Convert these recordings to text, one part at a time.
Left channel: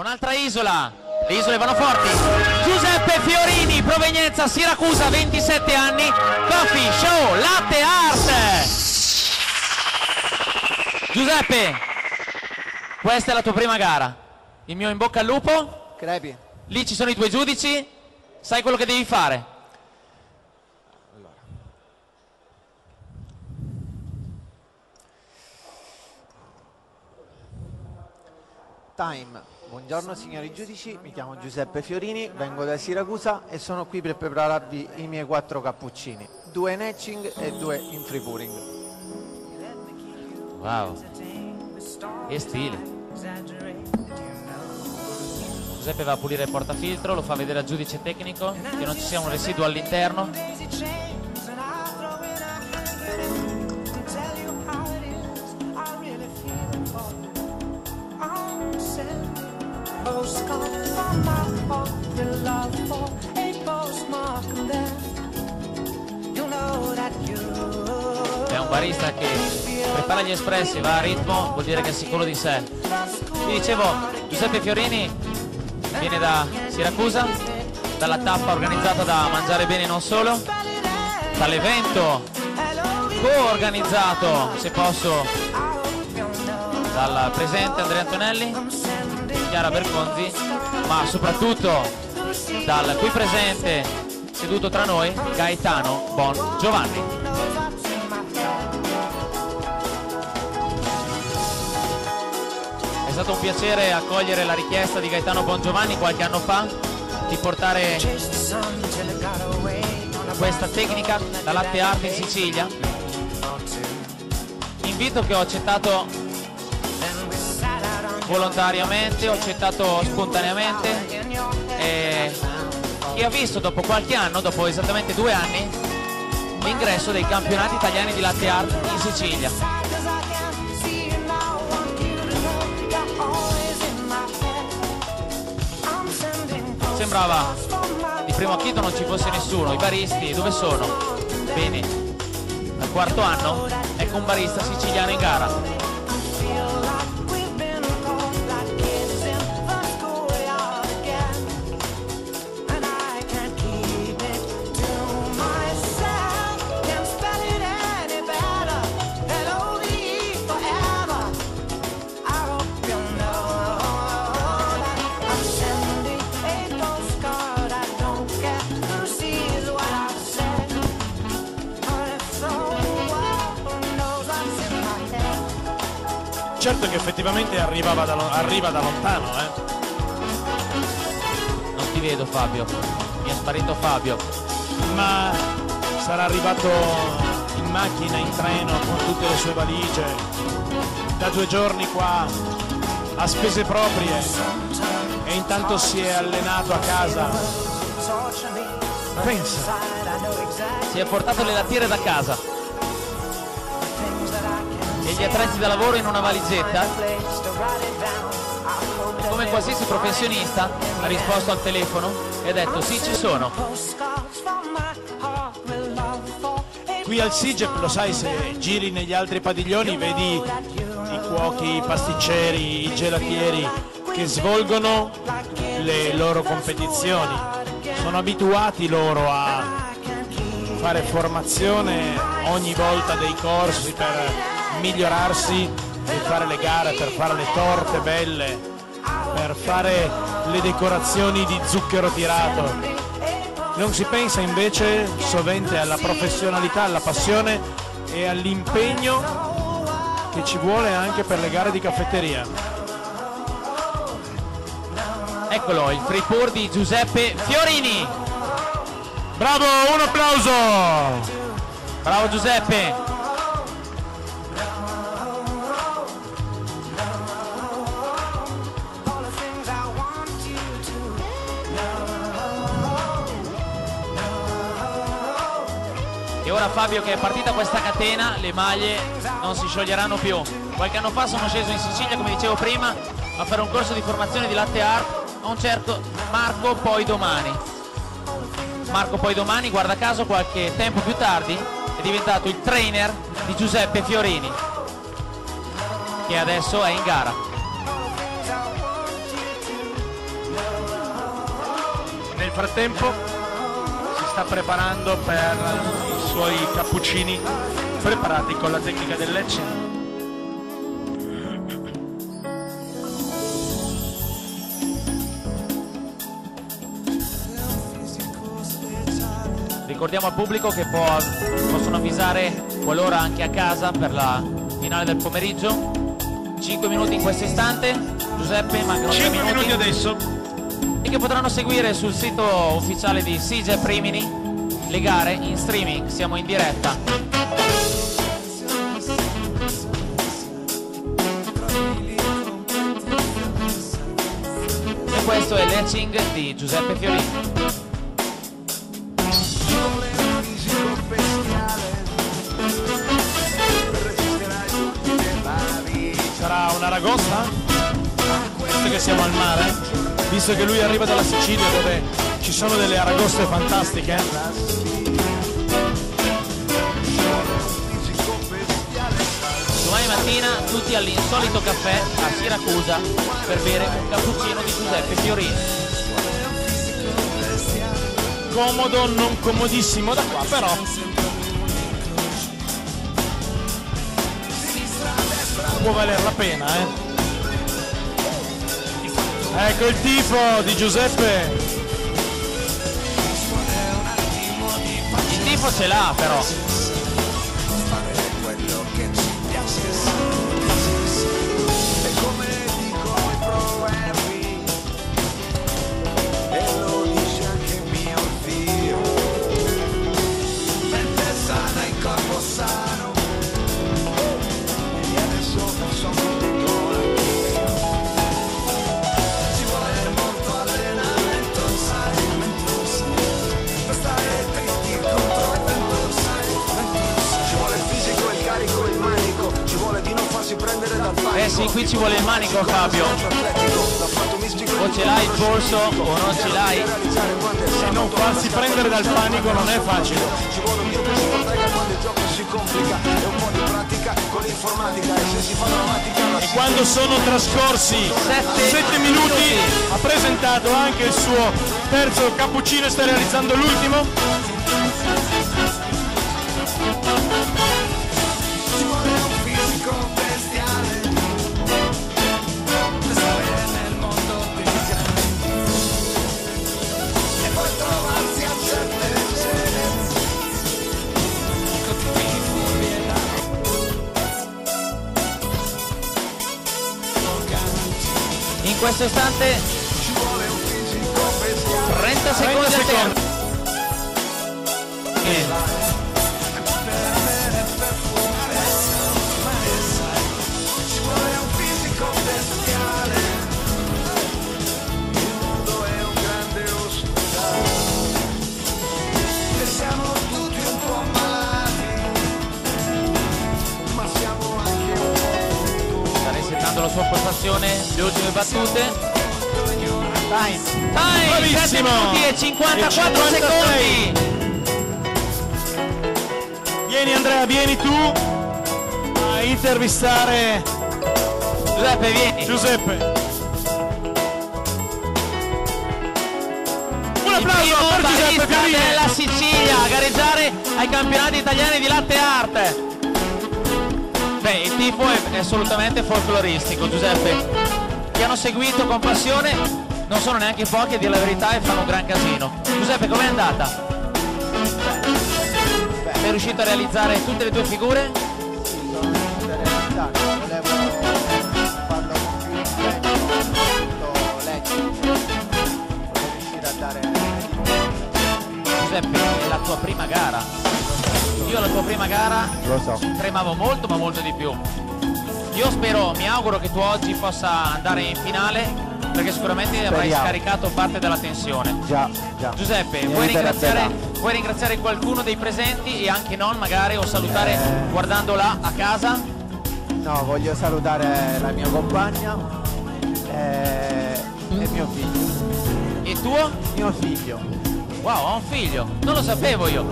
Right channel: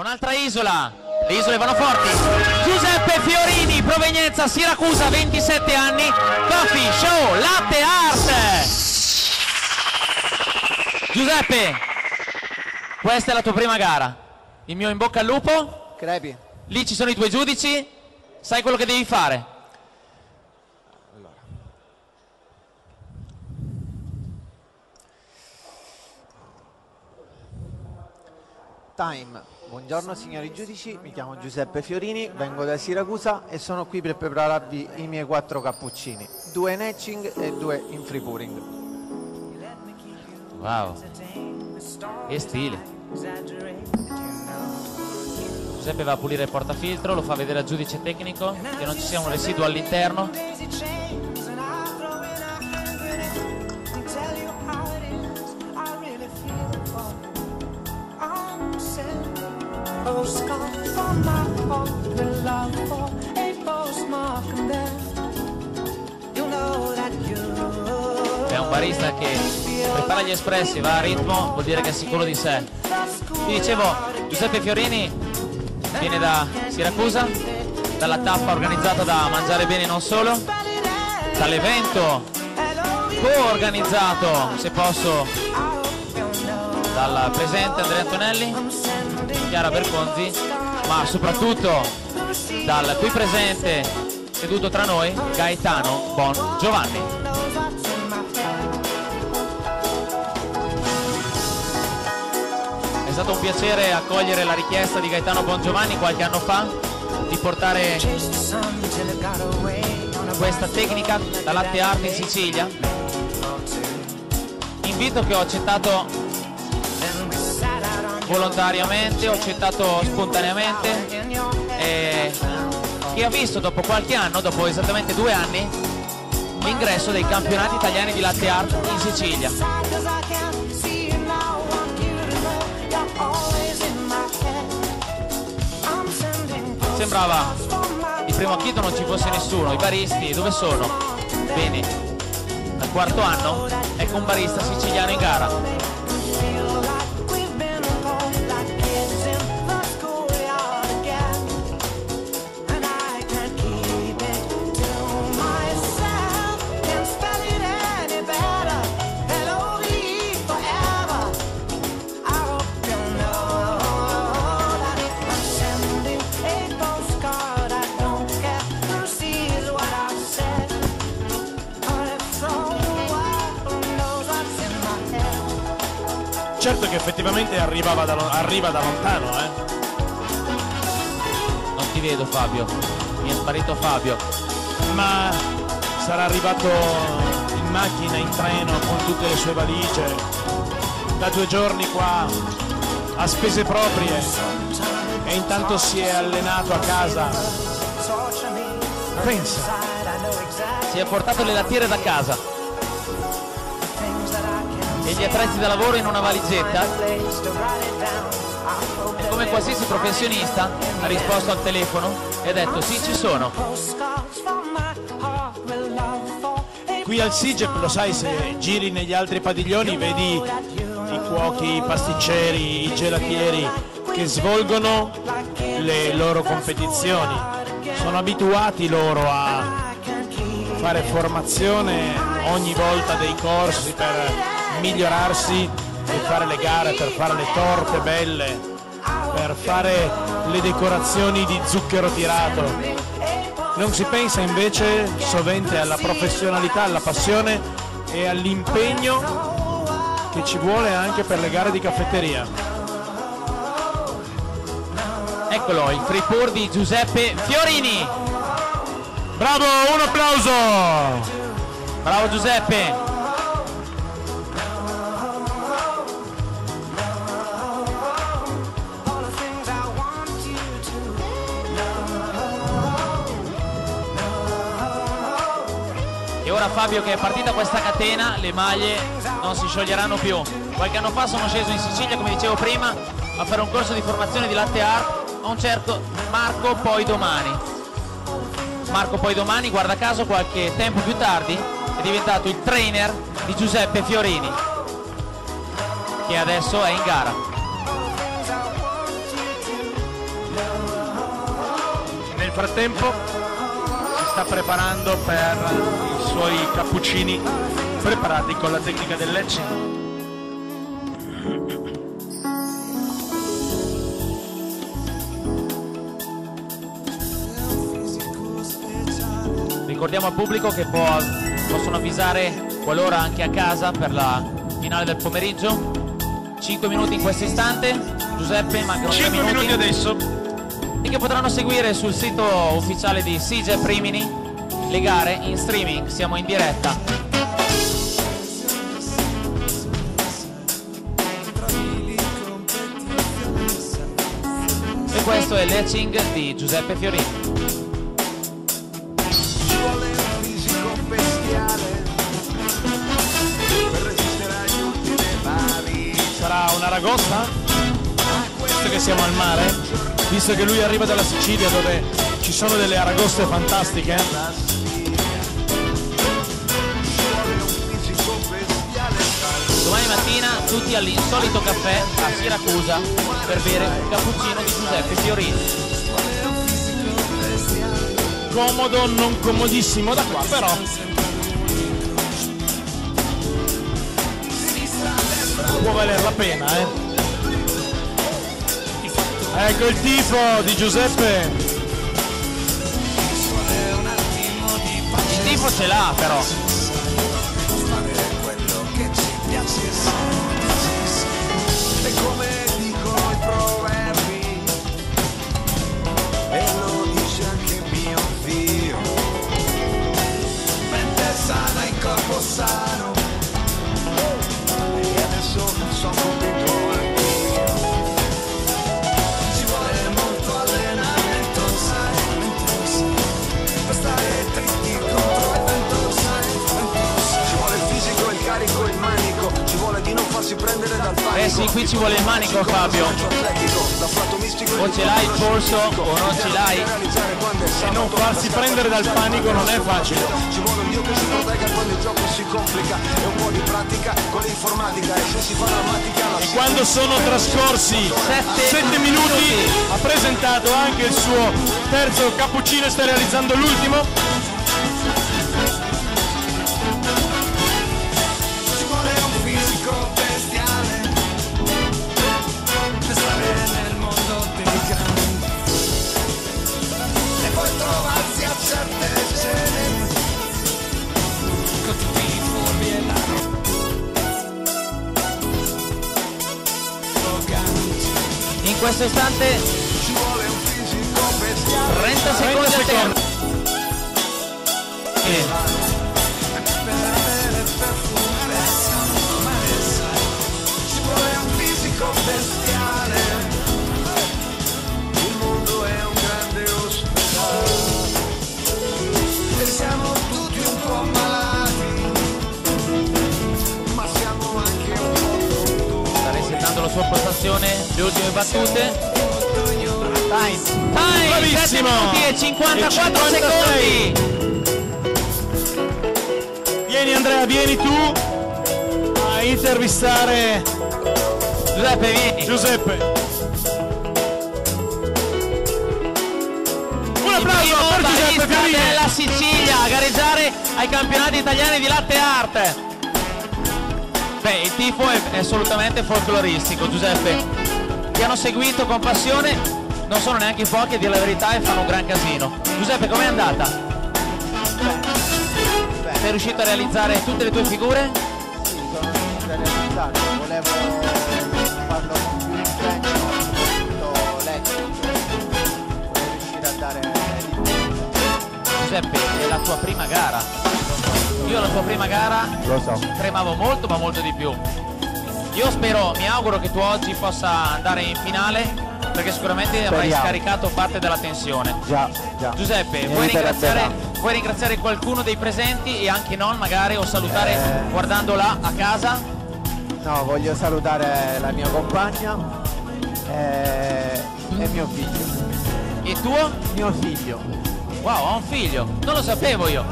un'altra isola, le isole vanno forti. Giuseppe Fiorini, provenienza Siracusa, 27 anni, Coffee Show Latte Art. Giuseppe, questa è la tua prima gara, il mio in bocca al lupo. Crepi. Lì ci sono i tuoi giudici, sai quello che devi fare. Time. Buongiorno signori giudici, mi chiamo Giuseppe Fiorini, vengo da Siracusa e sono qui per prepararvi i miei 4 cappuccini, 2 in etching e 2 in free pouring. Wow, che stile. Giuseppe va a pulire il portafiltro, lo fa vedere al giudice tecnico, che non ci sia un residuo all'interno. È un barista che prepara gli espressi, va a ritmo, vuol dire che è sicuro di sé. Vi dicevo, Giuseppe Fiorini viene da Siracusa, dalla tappa organizzata da Mangiare Bene Non Solo, dall'evento co-organizzato, se posso, dal presidente Andrea Antonelli, Chiara Berconzi, ma soprattutto dal qui presente, seduto tra noi, Gaetano Bon Giovanni. È stato un piacere accogliere la richiesta di Gaetano Bon Giovanni qualche anno fa di portare questa tecnica da latte art in Sicilia. Invito che ho accettato volontariamente, ho accettato spontaneamente e che ha visto dopo qualche anno, dopo esattamente 2 anni, l'ingresso dei campionati italiani di latte art in Sicilia. Sembrava di primo acchito non ci fosse nessuno, i baristi dove sono? Bene, al 4º anno ecco un barista siciliano in gara. Certo che effettivamente arriva da lontano, Non ti vedo Fabio, mi è sparito Fabio. Ma sarà arrivato in macchina, in treno, con tutte le sue valigie, da 2 giorni qua, a spese proprie, e intanto si è allenato a casa. Pensa. Si è portato le lattiere da casa e gli attrezzi da lavoro in una valigetta e come qualsiasi professionista ha risposto al telefono e ha detto sì, ci sono. Qui al SIGEP, lo sai, se giri negli altri padiglioni vedi i cuochi, i pasticceri, i gelatieri che svolgono le loro competizioni. Sono abituati loro a fare formazione ogni volta, dei corsi per migliorarsi e fare le gare, per fare le torte belle, per fare le decorazioni di zucchero tirato. Non si pensa invece sovente alla professionalità, alla passione e all'impegno che ci vuole anche per le gare di caffetteria. Eccolo, il free pour di Giuseppe Fiorini. Bravo, un applauso! Bravo Giuseppe. E ora Fabio, che è partita questa catena, le maglie non si scioglieranno più. Qualche anno fa sono sceso in Sicilia, come dicevo prima, a fare un corso di formazione di latte art a un certo Marco Poidomani. Marco Poidomani, guarda caso, qualche tempo più tardi è diventato il trainer di Giuseppe Fiorini, che adesso è in gara. frattempo si sta preparando per i suoi cappuccini preparati con la tecnica del Lecce. Ricordiamo al pubblico che possono avvisare qualora anche a casa per la finale del pomeriggio. 5 minuti in questo istante. Giuseppe, mancano 3 5 minuti adesso. E che potranno seguire sul sito ufficiale di Siget Rimini le gare in streaming. Siamo in diretta. E questo è l'etching di Giuseppe Fiorini. Sarà una ragosta? Visto che siamo al mare, visto che lui arriva dalla Sicilia dove ci sono delle aragoste fantastiche. Domani mattina tutti all'insolito caffè a Siracusa per bere un cappuccino di Giuseppe Fiorini. Comodo, non comodissimo da qua, però può valer la pena, eh. Ecco il tifo di Giuseppe. Il tifo ce l'ha però. E come dicono i proverbi, e lo dice anche mio zio, mente sana in corpo sano, e adesso sono contento anch'io. Ci vuole molto allenamento, sai, per stare dritti contro il vento, sai. Ci vuole il fisico, il carico, il manico, ci vuole di non farsi prendere dal panico. Eh sì, qui ci vuole il manico, Fabio. O ce l'hai il polso o non ce l'hai. E non farsi prendere dal panico non è facile. Ci vuole un dio che si protegga quando il gioco si complica, e un po' di pratica con l'informatica, e se si fa drammatica la E quando sono trascorsi 7 minuti ha presentato anche il suo terzo cappuccino e sta realizzando l'ultimo. ci vuole un fisico bestiale per stare nel mondo dei grandi, e poi trovarsi a certe cene con tutti i furbi e arroganti. In questo istante Ci vuole un fisico bestiale 30 secondi a tempo. per avere perfume, mare, sai. Ci vuole un fisico bestiale. Il mondo è un grande ospedale e siamo tutti un po' malati, ma siamo anche un po' tutto. Sta resettando la sua postazione, le ultime battute. Time, Bravissimo. 7 minuti e 54 E 56. secondi. Vieni Andrea, vieni tu a intervistare Giuseppe, vieni. Giuseppe. Un Il applauso primo per Giuseppe barista Fiorini. della Sicilia a gareggiare ai campionati italiani di latte art. Beh, il tifo è assolutamente folcloristico, Giuseppe. Ti hanno seguito con passione, non sono neanche pochi a dire la verità e fanno un gran casino. Giuseppe, com'è andata? Sei riuscito a realizzare tutte le tue figure? Sì, sono riuscito a realizzare, volevo farlo con più impegno, soprattutto l'etching, volevo riuscire a dare di più. Giuseppe, è la tua prima gara. Io alla tua prima gara Lo so. tremavo molto, ma molto di più. Io spero, mi auguro che tu oggi possa andare in finale, perché sicuramente avrai Speriamo. scaricato parte della tensione. Già. Giuseppe, Mi vuoi aiuterebbe ringraziare qualcuno dei presenti e anche non magari, o salutare guardando là a casa? No, voglio salutare la mia compagna e mio figlio. E tuo? Mio figlio. Wow, ho un figlio, non lo sapevo io.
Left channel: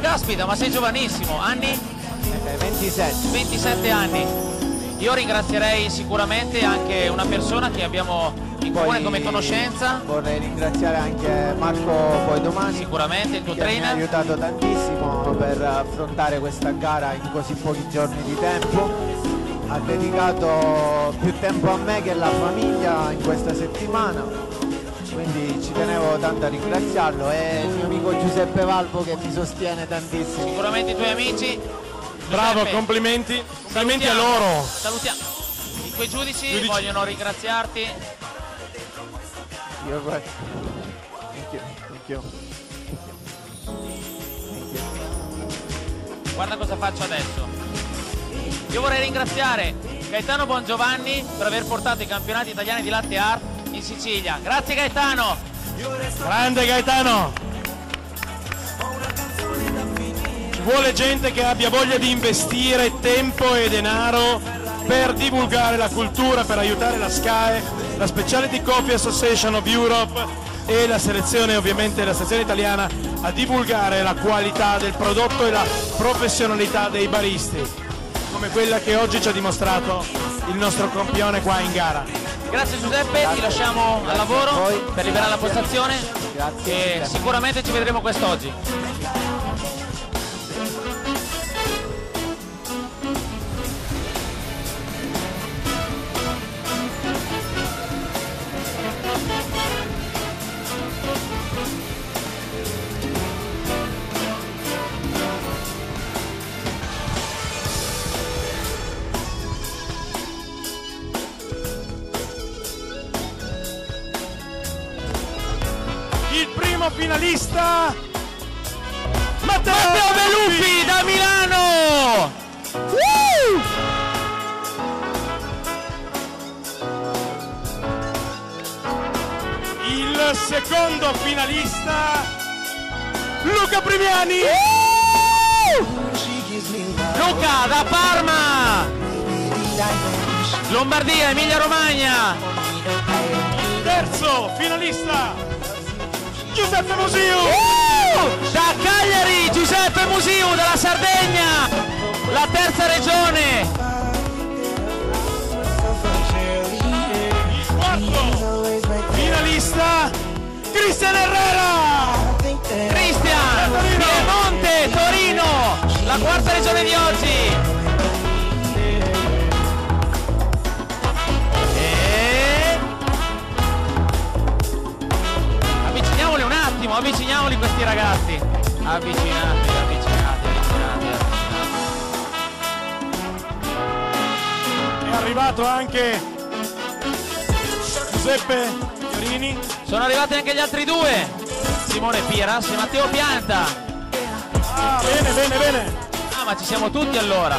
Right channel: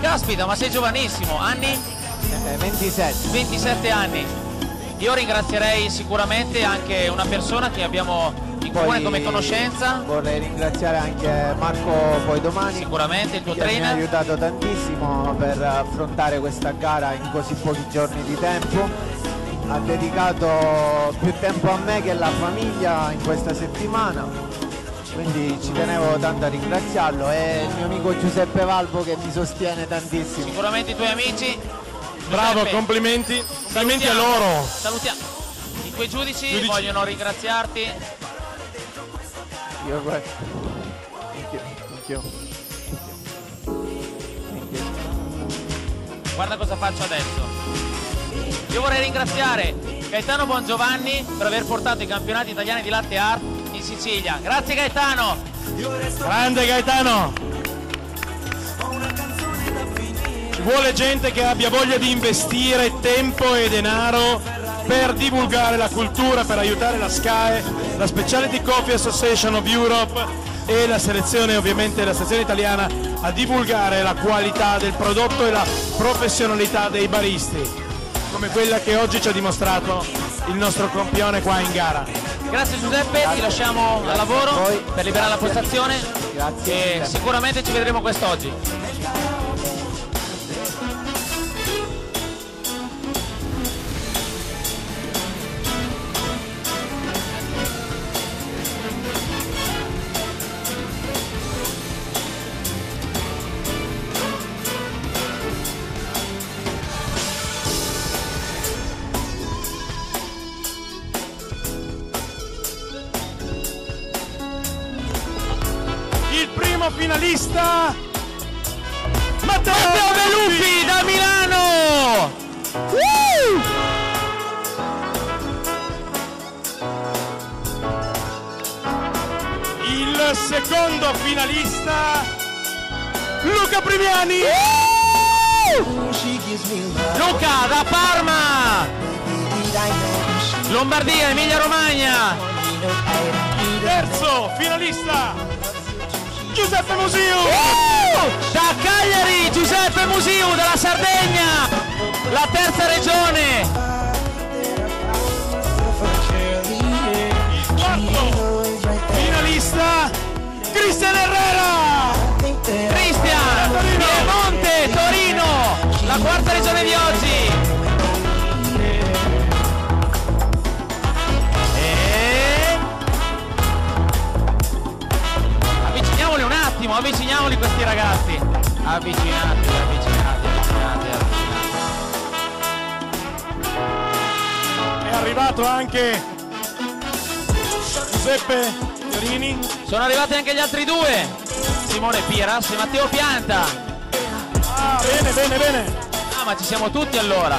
Caspita, ma sei giovanissimo, anni? 27. 27 anni. Io ringrazierei sicuramente anche una persona che abbiamo in comune come conoscenza. Vorrei ringraziare anche Marco Poidomani, Sicuramente il tuo che mi ha trainer. aiutato tantissimo per affrontare questa gara in così pochi giorni di tempo. Ha dedicato più tempo a me che alla famiglia in questa settimana, quindi ci tenevo tanto a ringraziarlo, e il mio amico Giuseppe Valvo che mi sostiene tantissimo. Sicuramente i tuoi amici. Bravo, Giuseppe, complimenti a salutiamo, loro. Salutiamo. I tuoi giudici vogliono ringraziarti. You're right. Thank you. Thank you. Thank you. Guarda cosa faccio adesso. Io vorrei ringraziare Gaetano Bongiovanni per aver portato i campionati italiani di latte art in Sicilia. Grazie Gaetano. Grande Gaetano. Ci vuole gente che abbia voglia di investire tempo e denaro per divulgare la cultura, per aiutare la SCAE, la Specialty Coffee Association of Europe e la selezione, ovviamente la sezione italiana, a divulgare la qualità del prodotto e la professionalità dei baristi, come quella che oggi ci ha dimostrato il nostro campione qua in gara. Grazie Giuseppe, ti lasciamo al lavoro a voi. per liberare la postazione. Grazie. E sicuramente ci vedremo quest'oggi. Il primo finalista, Matteo Beluppi da Milano! Il secondo finalista, Luca Primiani. Luca da Parma! Lombardia, Emilia Romagna! Il terzo finalista, Giuseppe Musiu. Da Cagliari, Giuseppe Musiu dalla Sardegna! La terza regione! Il quarto finalista, Cristian Herrera. Cristian! Torino. Piemonte, Torino! La quarta regione di oggi! E... avviciniamoli un attimo, avviciniamoli questi ragazzi! Avvicinati. È arrivato anche Giuseppe Fiorini. Sono arrivati anche gli altri due! Simone Piras e Matteo Pianta! Ah, bene. Ah, ma ci siamo tutti allora!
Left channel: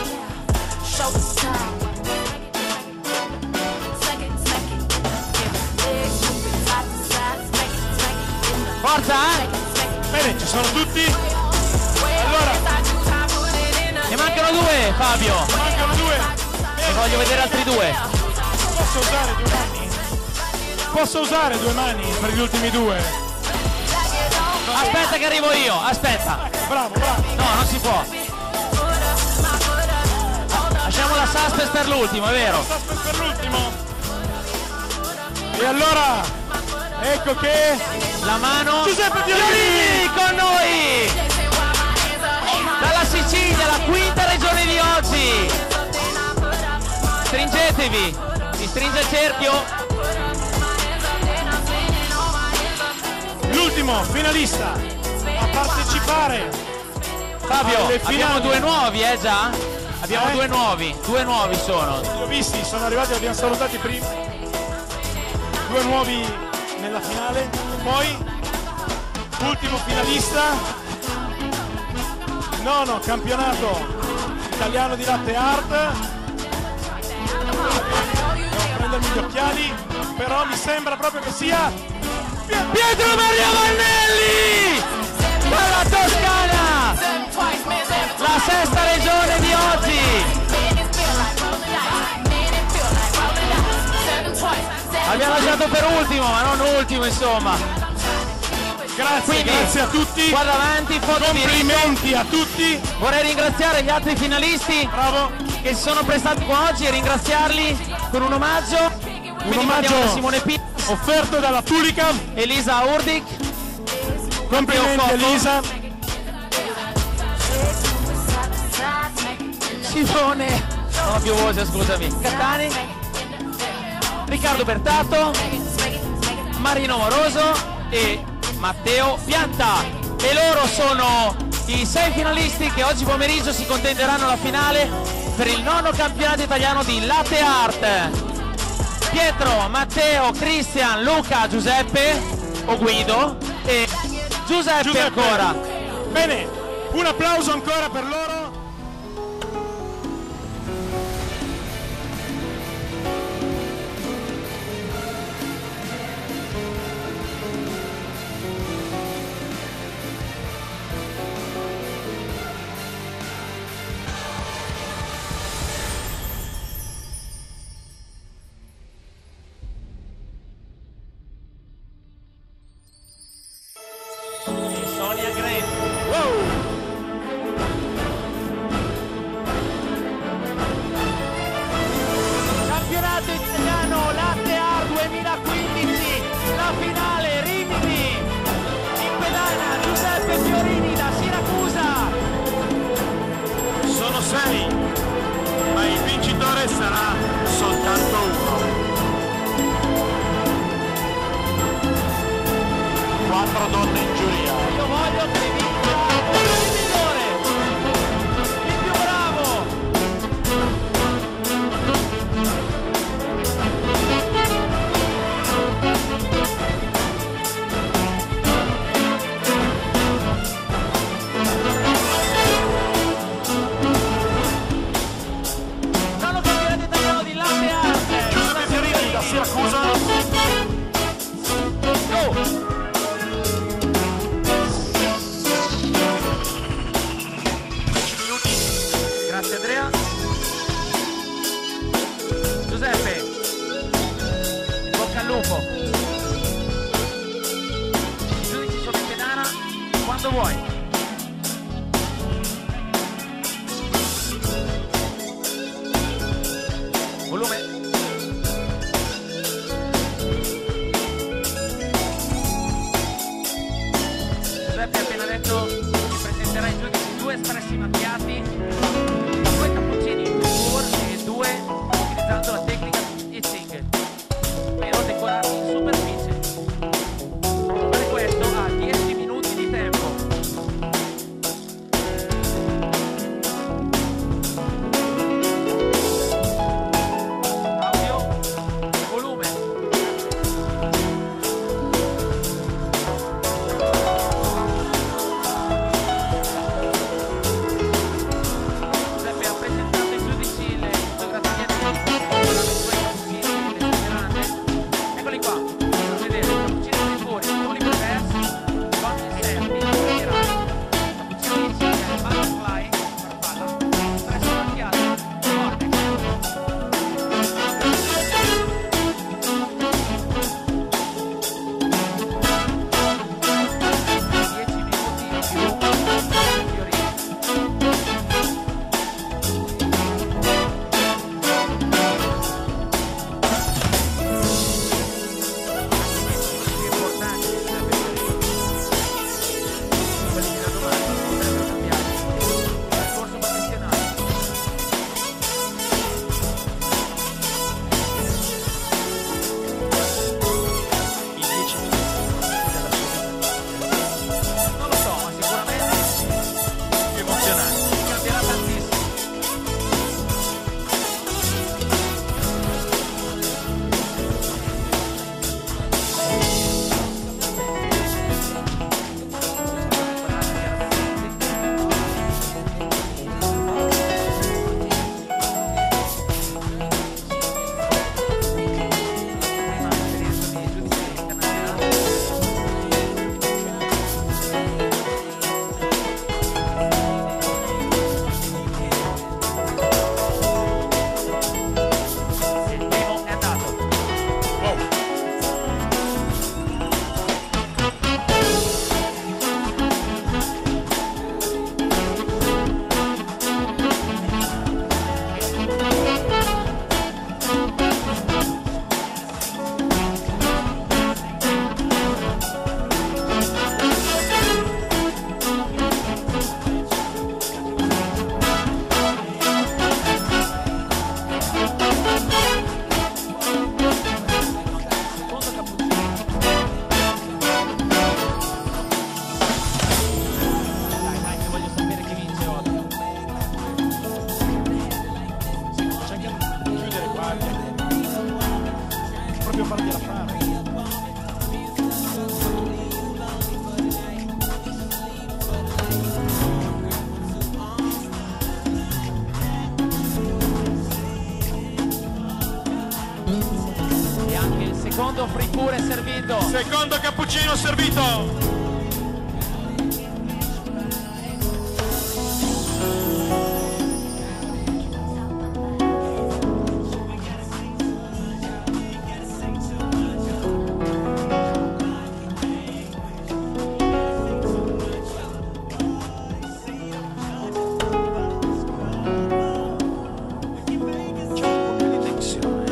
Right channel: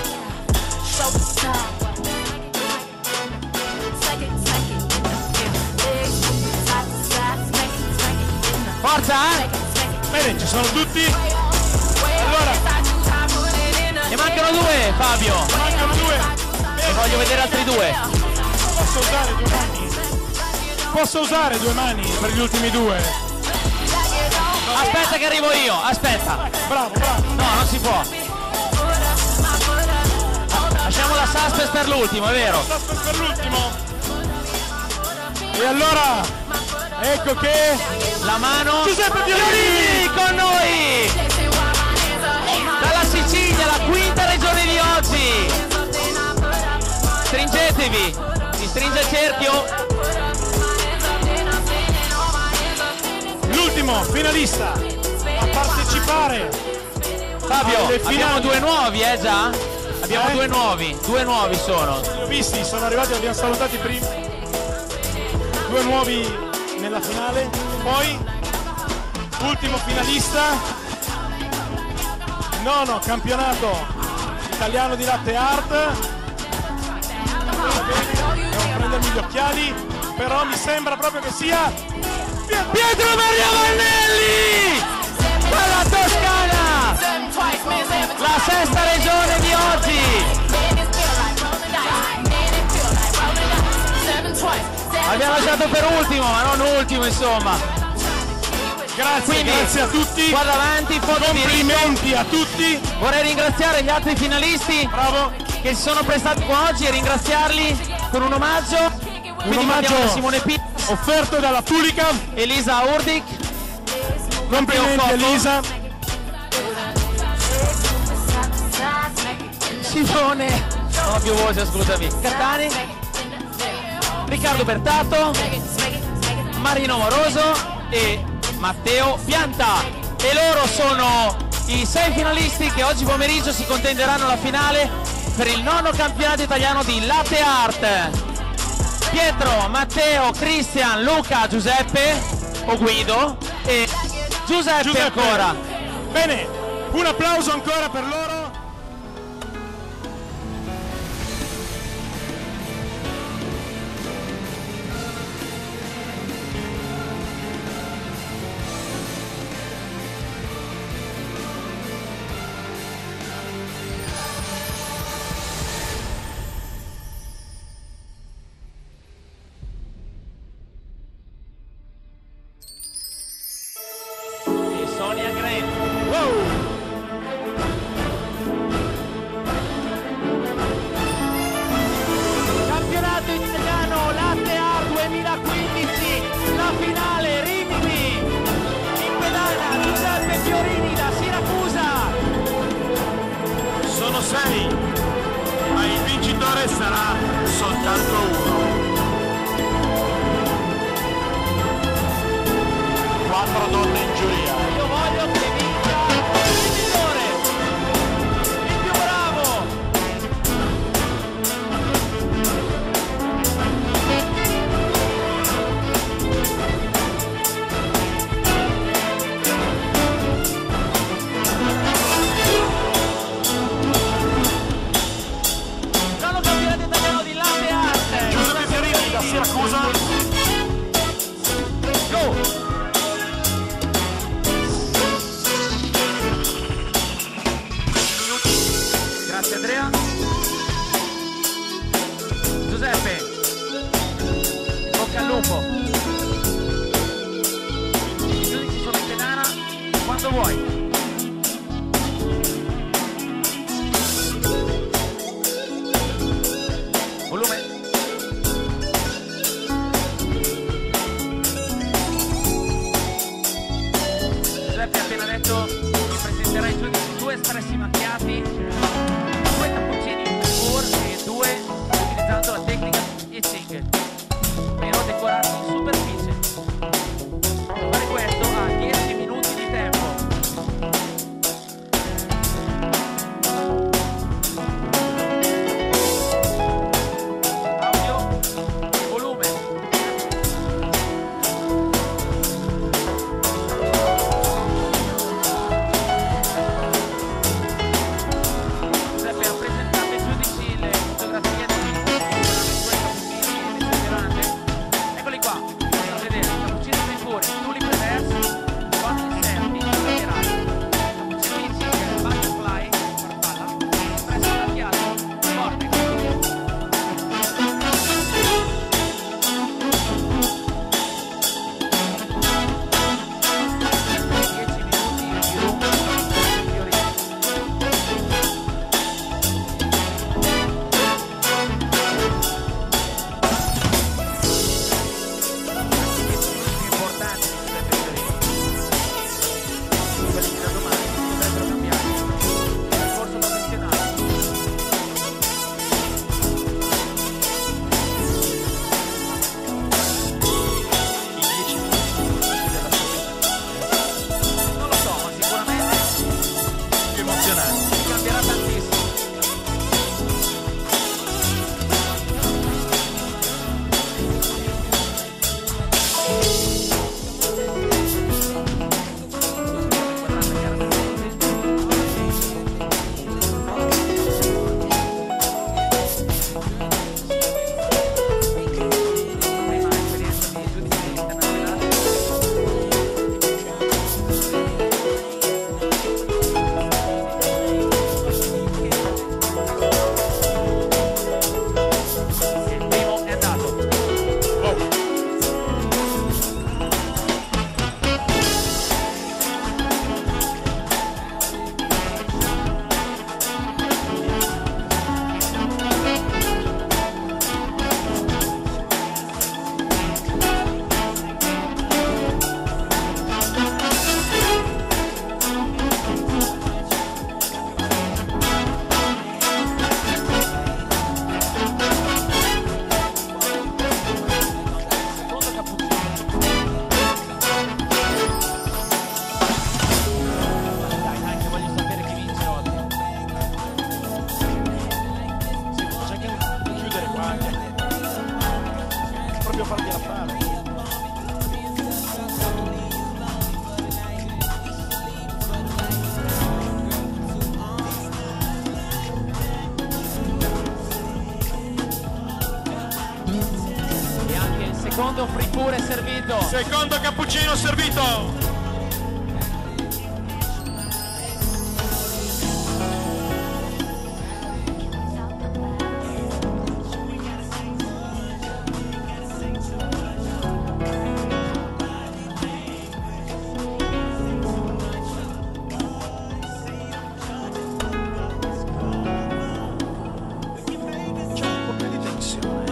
Forza! Bene, ci sono tutti. Allora, Ne mancano due, Fabio! mancano due. E voglio vedere altri due! Posso usare due mani? Posso usare due mani per gli ultimi due? Aspetta che arrivo io, aspetta! Bravo. No, non si può! Lasciamo la suspense per l'ultimo, è vero? Suspense per l'ultimo. E allora, ecco che La mano... Giuseppe Fiorini con noi! Dalla Sicilia, la quinta regione di oggi! Stringetevi! Si stringe il cerchio! l'ultimo finalista a partecipare. Fabio, alle abbiamo finali. due nuovi, già? Abbiamo due nuovi sono. Li ho visti, sono arrivati, li abbiamo salutati prima. Due nuovi nella finale. E poi, ultimo finalista, nono campionato italiano di latte art. Devo prendermi gli occhiali, però mi sembra proprio che sia Pietro Maria Vannelli! Dalla Toscana! La sesta regione di oggi! Abbiamo lasciato per ultimo, ma non ultimo insomma. Grazie, Quindi, grazie a tutti. Guarda avanti, foto di Complimenti a tutti. Vorrei ringraziare gli altri finalisti Bravo. che si sono prestati qua oggi e ringraziarli con un omaggio. Quindi omaggio mandiamo a Simone Piras offerto dalla Pulica. Elisa Urdic. Complimenti Matteo Cocco. Elisa. Simone, non ho più voce, scusami. Catani, Riccardo Bertato, Marino Moroso e Matteo Pianta. E loro sono i 6 finalisti che oggi pomeriggio si contenderanno la finale per il 9° campionato italiano di latte art. Pietro, Matteo, Cristian, Luca, Giuseppe o Guido e Giuseppe ancora. Bene, un applauso ancora per loro. Sonia Grant. Wow! Campionato italiano Latte Art 2015, la finale Rimini, in pedana Giuseppe Fiorini da Siracusa. Sono 6, ma il vincitore sarà soltanto uno. 4 donne in giuria. Io voglio che vinca il migliore, il più bravo. Nono campionato italiano di latte art. Giuseppe Fiorini da Siracusa. Go! Grazie Andrea. Giuseppe, in bocca al lupo. I giudici sono in pedana quando vuoi. Volume. Giuseppe ha appena detto che presenterà ai giudici 2 espressi macchiati, 2 cappuccini in four e 2 utilizzando la tecnica etching, però decorati in superficie. Fare questo ha 10 minuti di tempo. Audio e volume. Giuseppe ha presentato ai giudici le fotografie dei 2 cappuccini e le speranze. Eccoli qua, potete vedere il cappuccino free four, tulip reverse con inserti, proprio fargliela fare. E anche il secondo fripure è servito. Secondo cappuccino servito.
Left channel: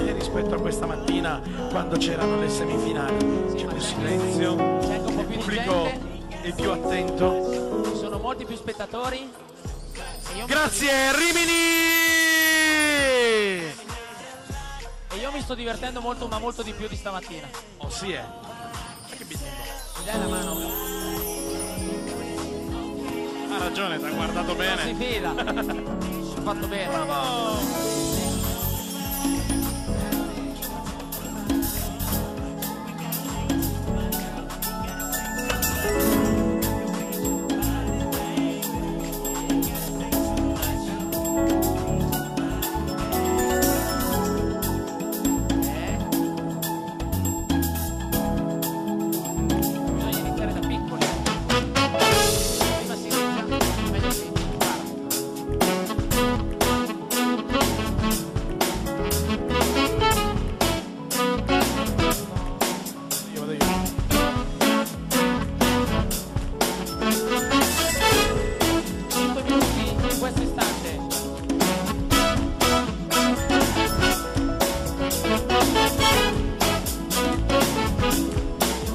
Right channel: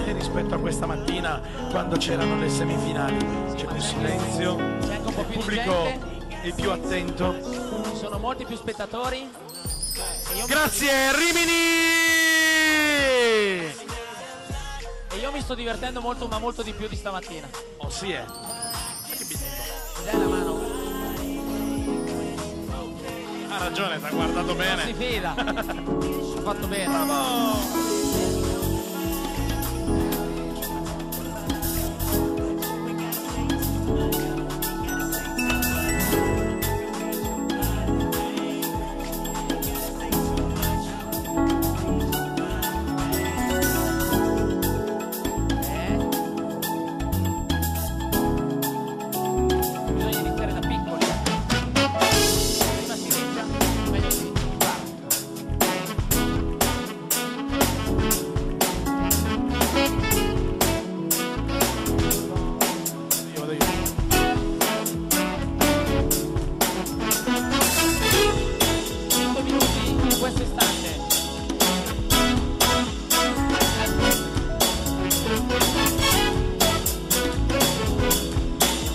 Rispetto a questa mattina quando c'erano le semifinali c'è più silenzio, c'è anche un po' il più di pubblico gente, è più attento. ci sono molti più spettatori. Grazie Rimini! E io mi sto divertendo molto, ma molto di più di stamattina. Oh sì è. Che bisogno. Mi dai la mano? Ha ragione, ti ha guardato Non si bene. fida. Ho fatto bene. Bravo! Bisogna iniziare da piccoli. Prima si inizia, meglio si impara. Vado io. 5 minuti in questo istante.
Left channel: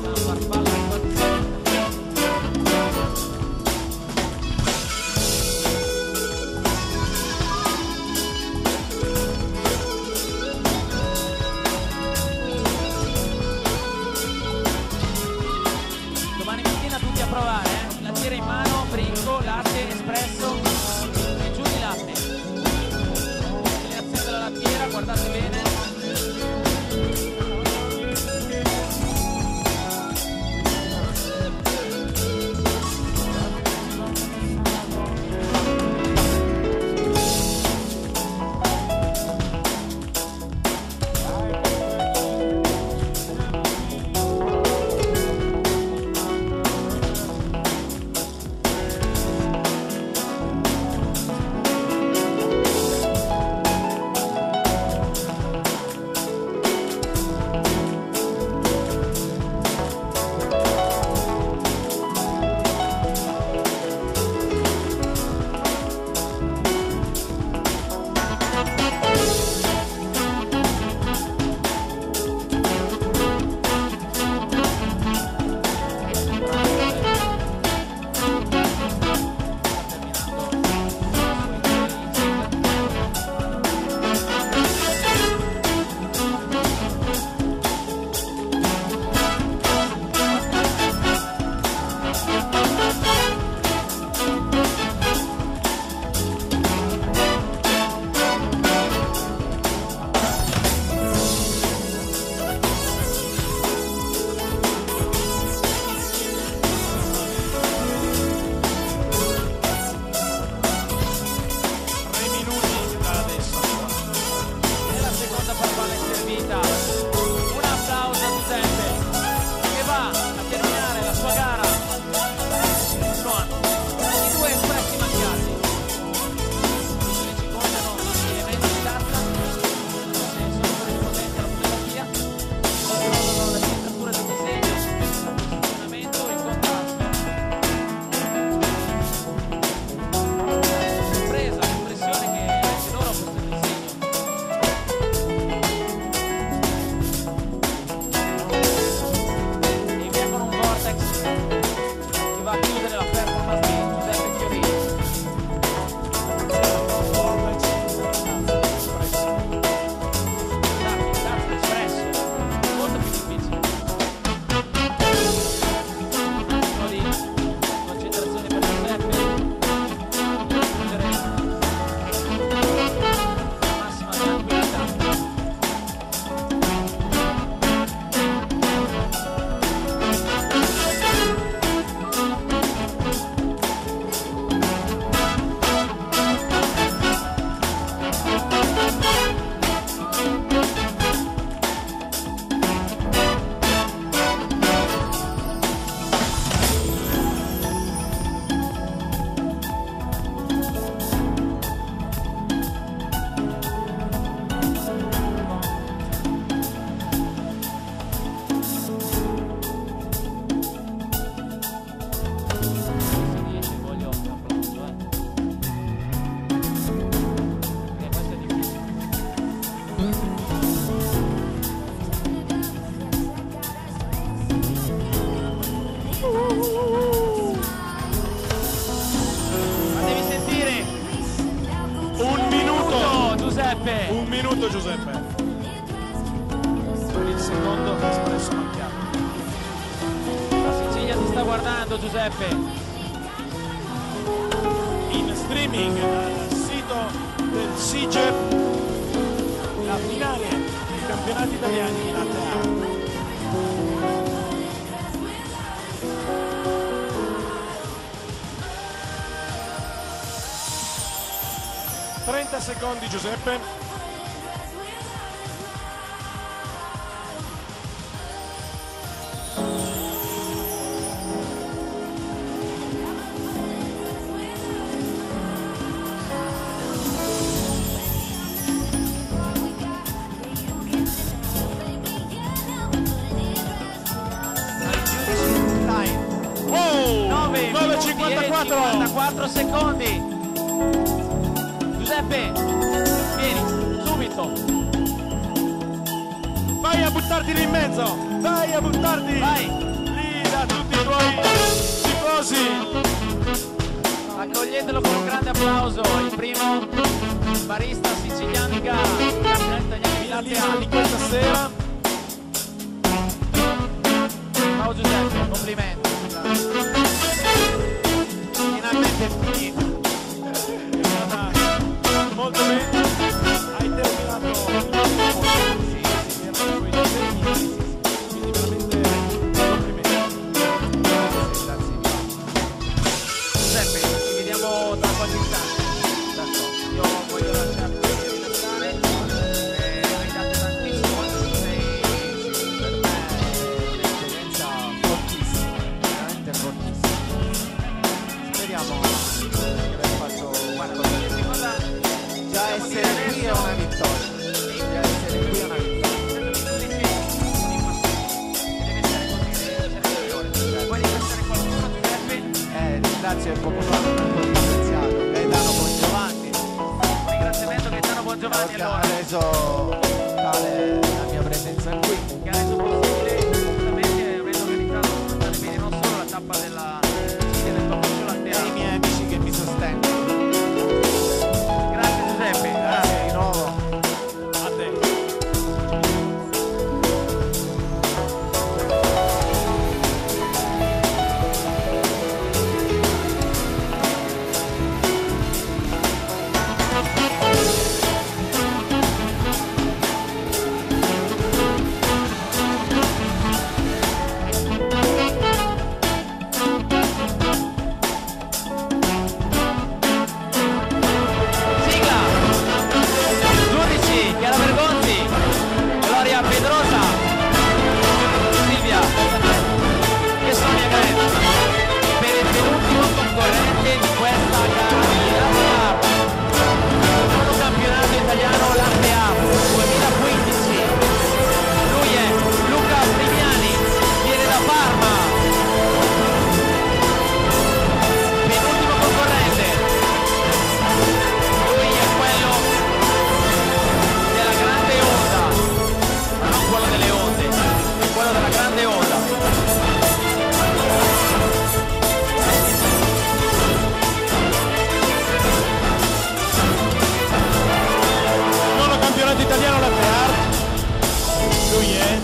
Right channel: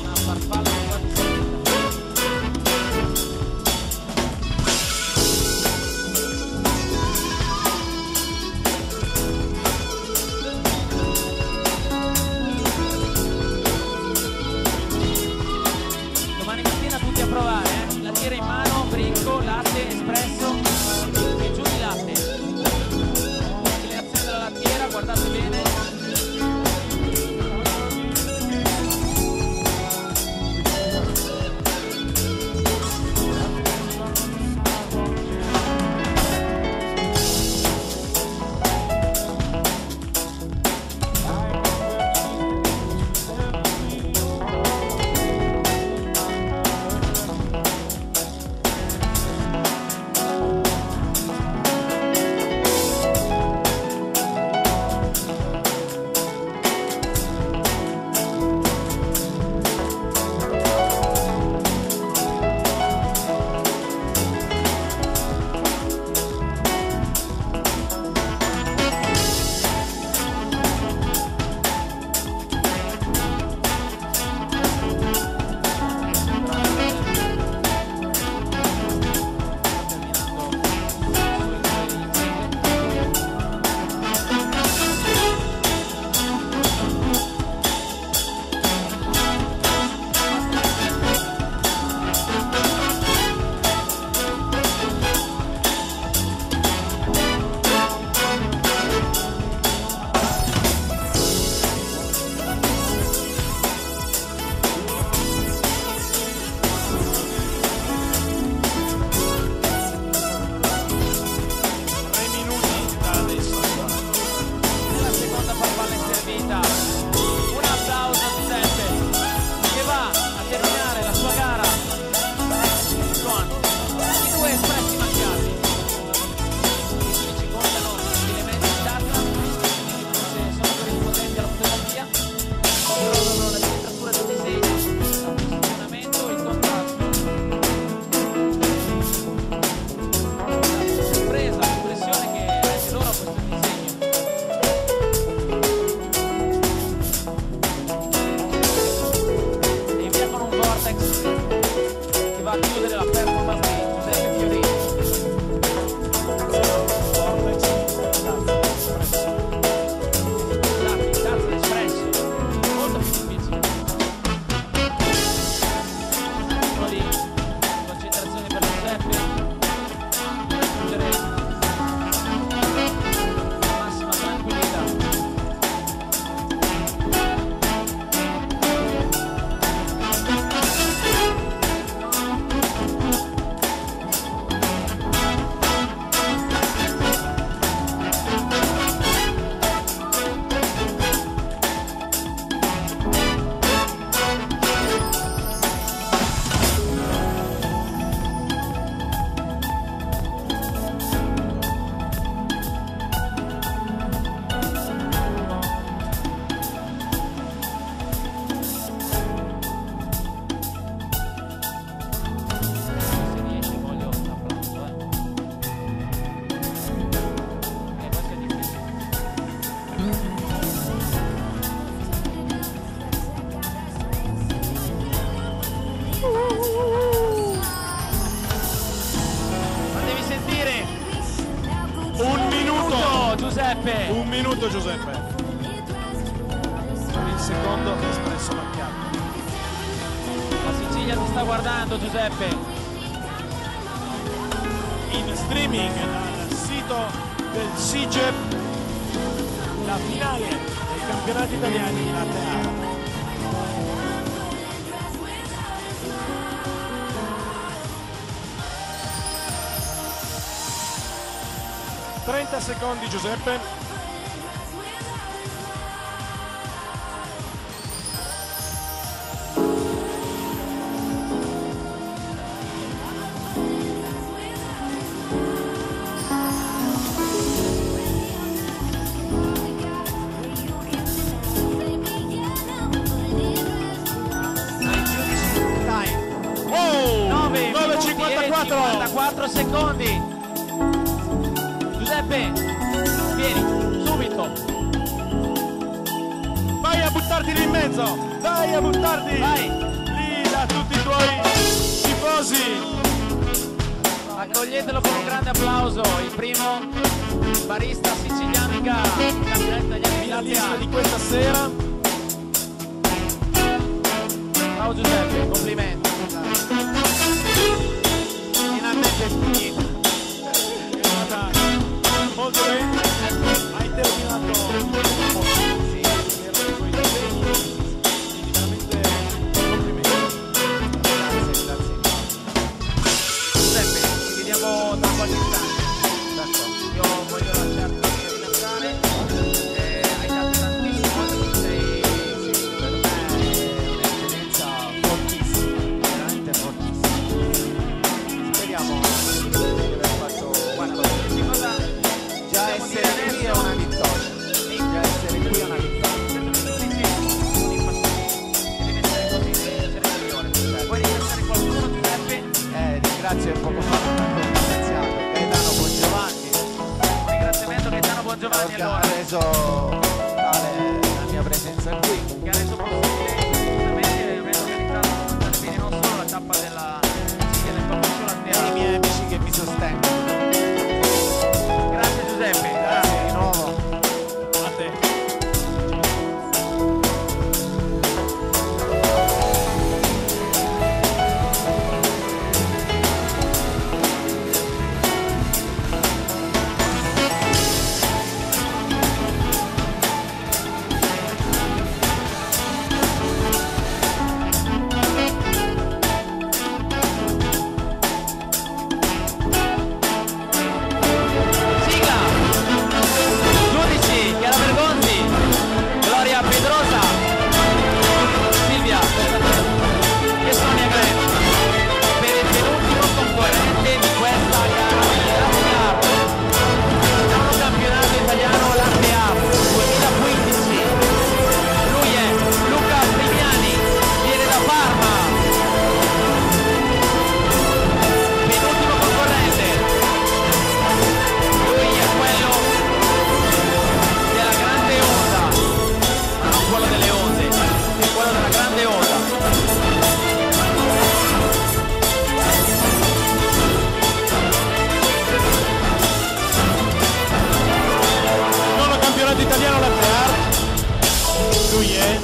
Una farfalla quasi salita. Domani mattina tutti a provare, lattiera in mano, bricco, latte, espresso e giù di latte. Inclinazione della lattiera, guardate bene. Fatevi sentire. Un minuto. Giuseppe. Un minuto, Giuseppe. Per il secondo espresso macchiato. La Sicilia ti sta guardando, Giuseppe. In streaming dal sito del SIGEP la finale dei campionati italiani di latte art. 30 secondi, Giuseppe. Wow! 9:54 secondi. Giuseppe, vieni, subito. Vai a buttarti lì in mezzo, vai a buttarti Vai. lì da tutti i tuoi tifosi. Accoglietelo con un grande applauso, il primo barista siciliano in gara, campionato italiano di latte Finalista di art. questa sera. Ciao Giuseppe, complimenti. Finalmente è finita. È stata molto bene. Hai terminato in tempo. Sì, che erano i tuoi disegni. Quindi veramente complimenti. Grazie. Giuseppe, ci vediamo tra qualche istante. D'accordo. Io voglio lasciarti rilassare. Hai dato tantissimo oggi, sei... Sì, per me è un'esperienza fortissima, veramente fortissima. Speriamo di aver fatto qualcosa. Qualsiasi cosa Già possiamo dire essere qui è adesso, una vittoria. Già essere qui è una vittoria. essendo che tu dici sono impassibili e deve essere così, deve essere il migliore. Puoi ringraziare qualcuno, Giuseppe? Ringrazio poco fa non ancora ringraziato Gaetano Bongiovanni Un ringraziamento a Gaetano Bongiovanni che ha allora, reso tale la mia presenza qui. che ha reso possibile giustamente aver organizzato per stare bene non solo la tappa della Sicilia del Papiccio Latte E i Art. miei amici che mi sostengono. Grazie Giuseppe, Grazie di nuovo. A te. Sigla! Giudici, Chiara Bergonzi, Gloria Pedrosa, Silvia Costanzelli e Sonia Grenz per il penultimo concorrente di questa gara di Latte Art. Nono campionato italiano Latte Art 2015. Lui è Luca Primiani, viene da Parma. Penultimo concorrente. Lui è quello della grande onda, ma non quello delle onde, è quello della grande onda. Nono campionato italiano latte art. Lui è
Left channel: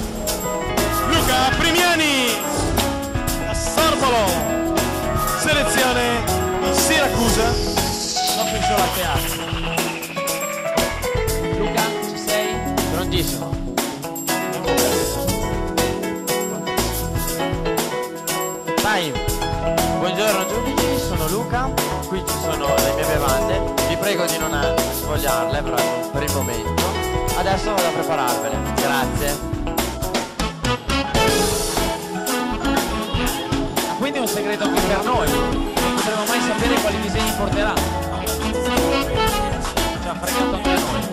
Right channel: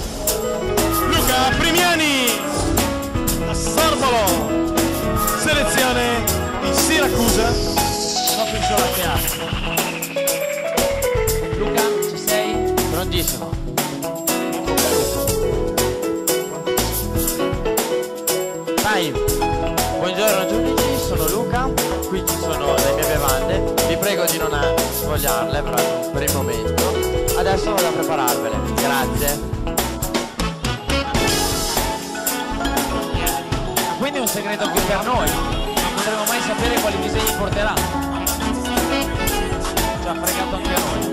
Luca Primiani da Sorbolo, selezione di Siracusa. Coffee Show Latte Art. Luca, ci sei? Prontissimo. In bocca al lupo. Vai. Buongiorno giudici, sono Luca. Qui ci sono le mie bevande. Vi prego di non svogliarle per il momento. Adesso vado a prepararvele. Grazie. Ma quindi è un segreto anche per noi. Non potremo mai sapere quali disegni porterà. Ci ha fregato anche a noi.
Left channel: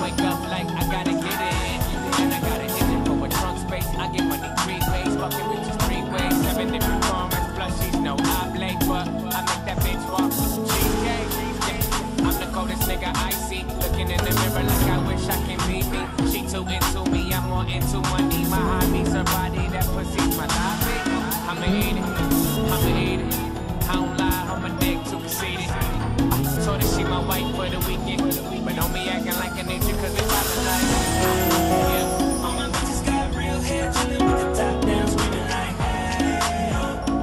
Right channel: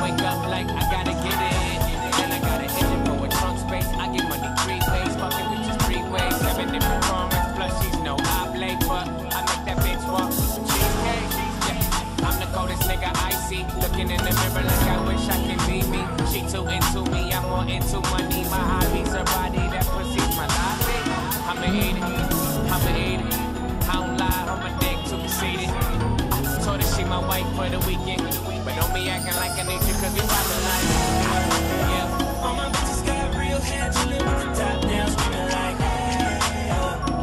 Wake up like I gotta get it, and I gotta hit it for what know I play, but I make that bitch walk with some cheesecake. Yeah, I'm the coldest nigga I see. Looking in the mirror like I wish I can be me. She too into me, I'm more into money. My hobby's her body, that pussy's my lobby. I'ma eat it, I'ma eat it. I don't lie, on my dick too conceited. Told her she my wife for the weekend, but don't be acting like I need you, cause we poppin' like, yeah. All my bitches got real hair, chillin' with the top down, screaming like, hey, yo.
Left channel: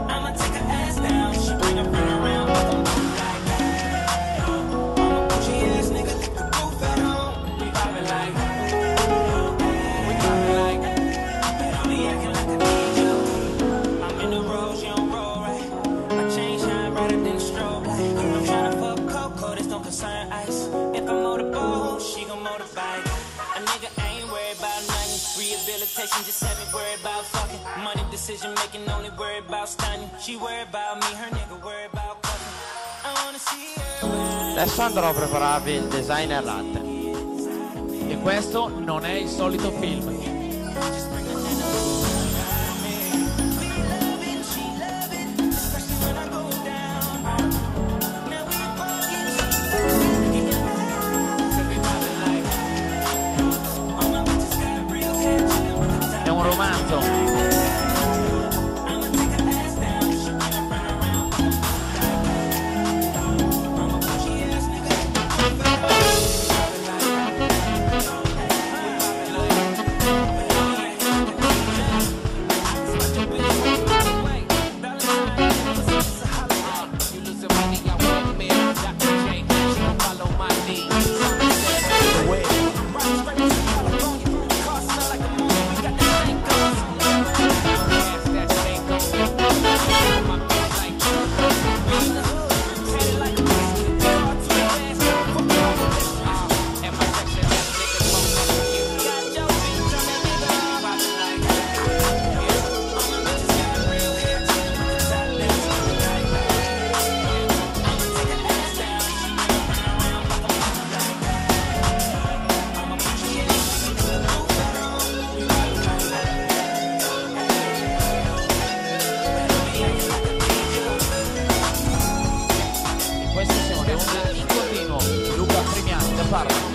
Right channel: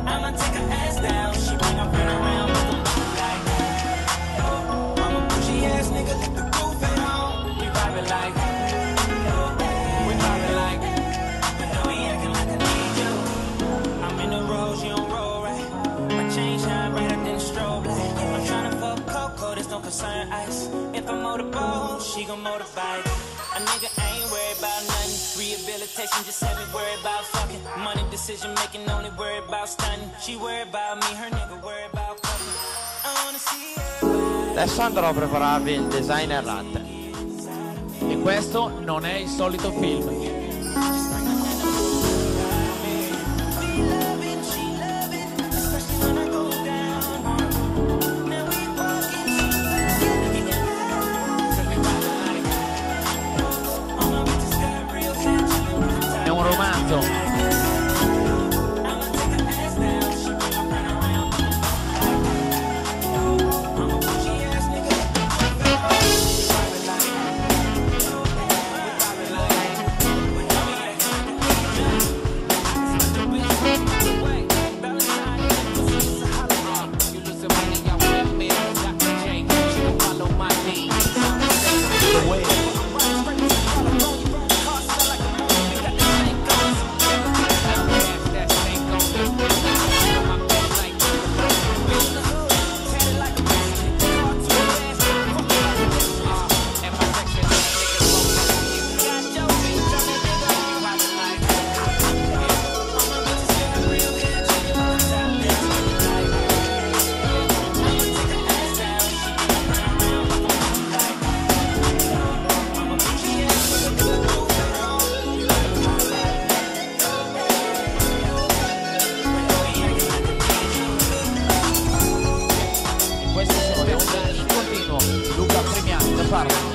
I'ma take her ass down, she bring her friend around, but I'm like, hey, yo. I'm a bougie ass nigga, let the roof at home. We poppin' like, we poppin' like, but don't be acting like I need you. I'm in the road, she don't roll right. My chain shine brighter than a strobe light. I'm tryna fuck Coco, this don't concern ice. If I motorboat, she gon' motorbike. A nigga ain't worried about nothing. Rehabilitation just had me worried about fucking. Money decision making, only worried about stunning. She worried about me, her nigga worried about fucking. I wanna see her. Adesso andrò a prepararvi il designer latte. E questo non è il solito film. È un romanzo. Luca Premiani da Parma.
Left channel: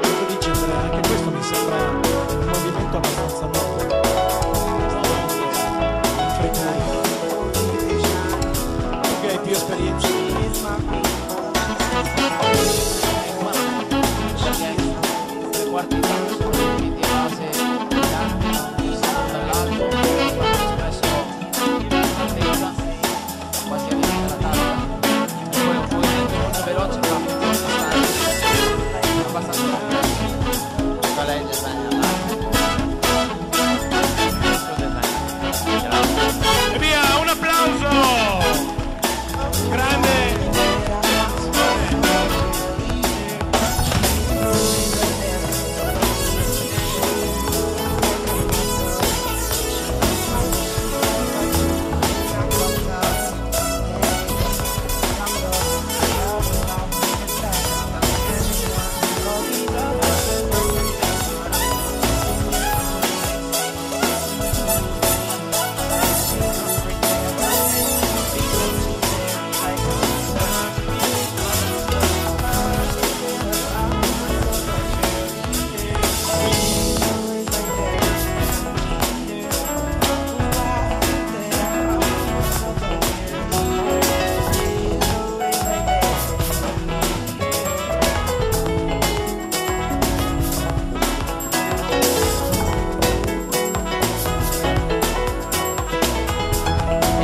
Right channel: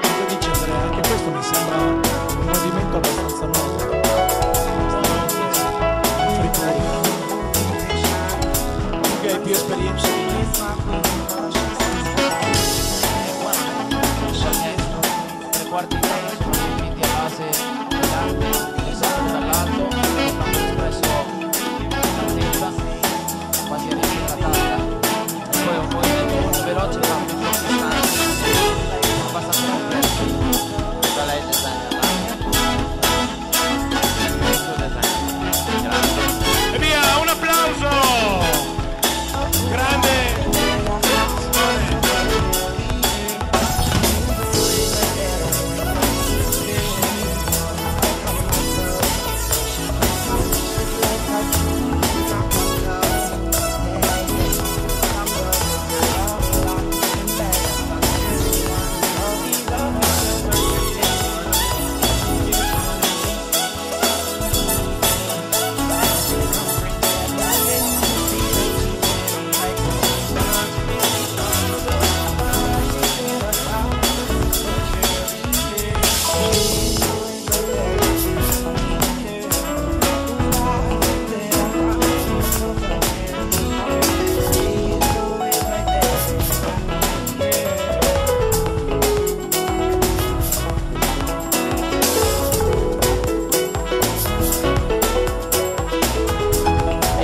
Cosa dice Andrea? Anche questo mi sembra un movimento abbastanza nuovo. Fripuri. Tu che hai più esperienza di me. Perché tre quarti di tanto sono riempiti a base di latte, versato dall'alto, portando l'espresso in altezza, quasi a riempire la tasca. E poi un movimento molto veloce fatto in pochi istanti, abbastanza complesso. Qual è il designer latte? Il suo designer. Grazie. E via, un applauso! Grande! Simone.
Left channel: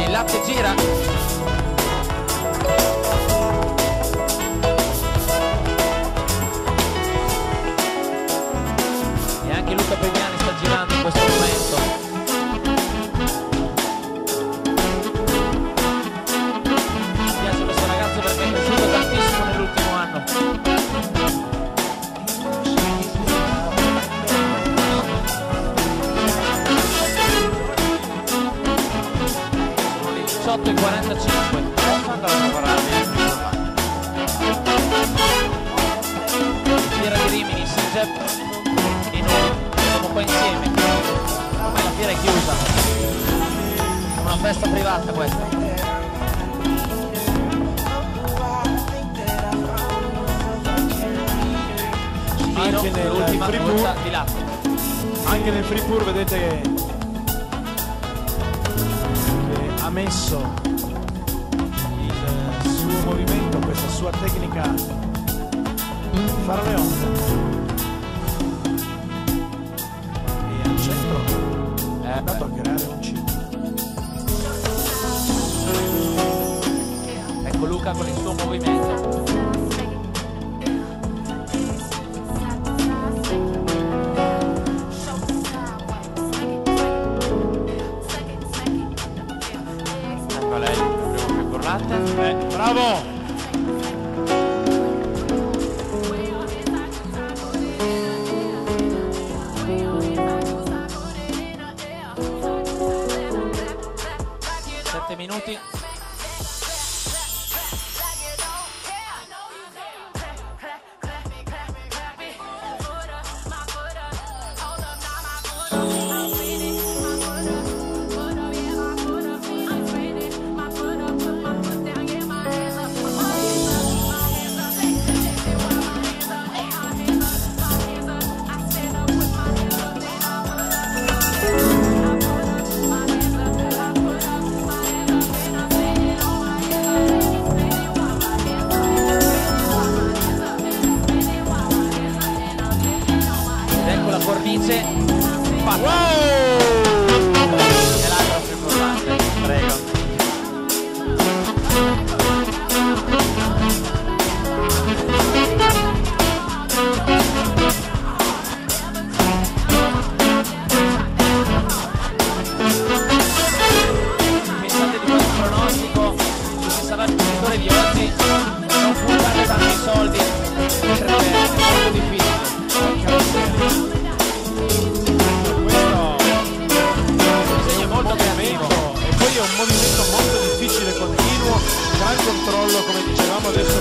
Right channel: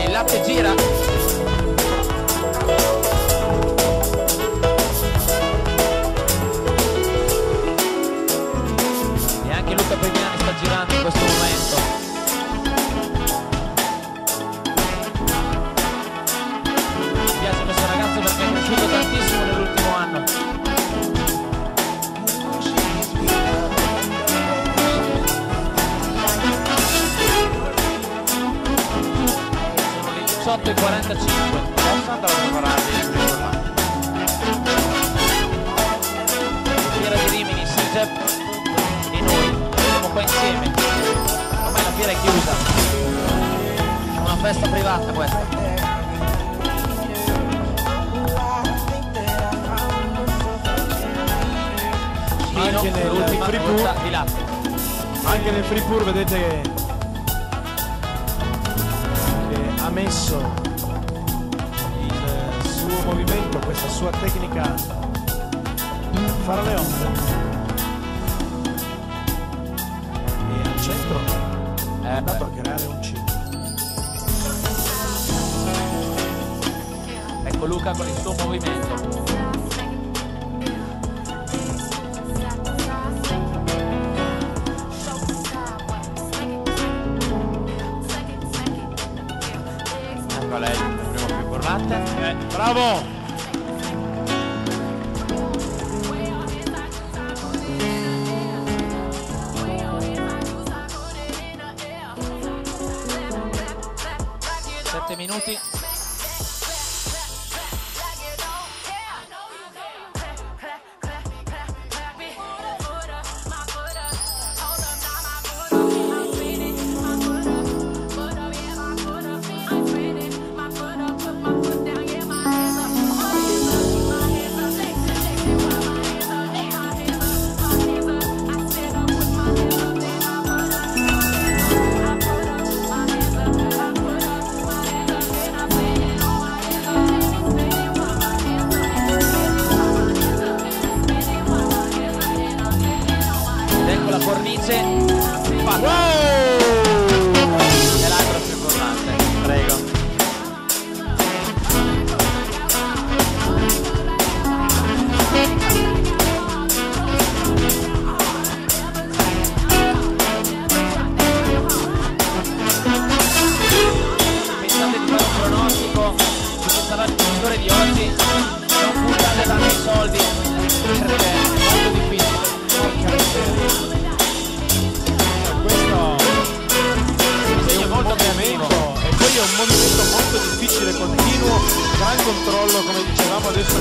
Il latte gira. E anche Luca Premiani sta girando in questo momento. Mi piace questo ragazzo perché è cresciuto tantissimo nell'ultimo anno. 28,45. Adesso andrò a prepararvi il primo urlante. Fiera di Rimini, SIGEP e noi siamo qua insieme. Ormai la fiera è chiusa. È una festa privata questa. Anche nel l'ultima free goccia pour, di latte. anche nel free pour vedete che ha messo il suo movimento, questa sua tecnica fare le onde, e al centro è andato a creare un ciclo. Ecco Luca con il suo movimento. Ecco lei, il primo free pour latte. Bravo! Minuti. Cornice fatta. Wow! E l'altro free pour latte, prego. Pensate di fare un pronostico su chi sarà il vincitore di oggi, non puntate tanti soldi perché è molto difficile. Porca miseria. Questo è un movimento, e poi è un movimento molto difficile, continuo, gran controllo, come dicevamo adesso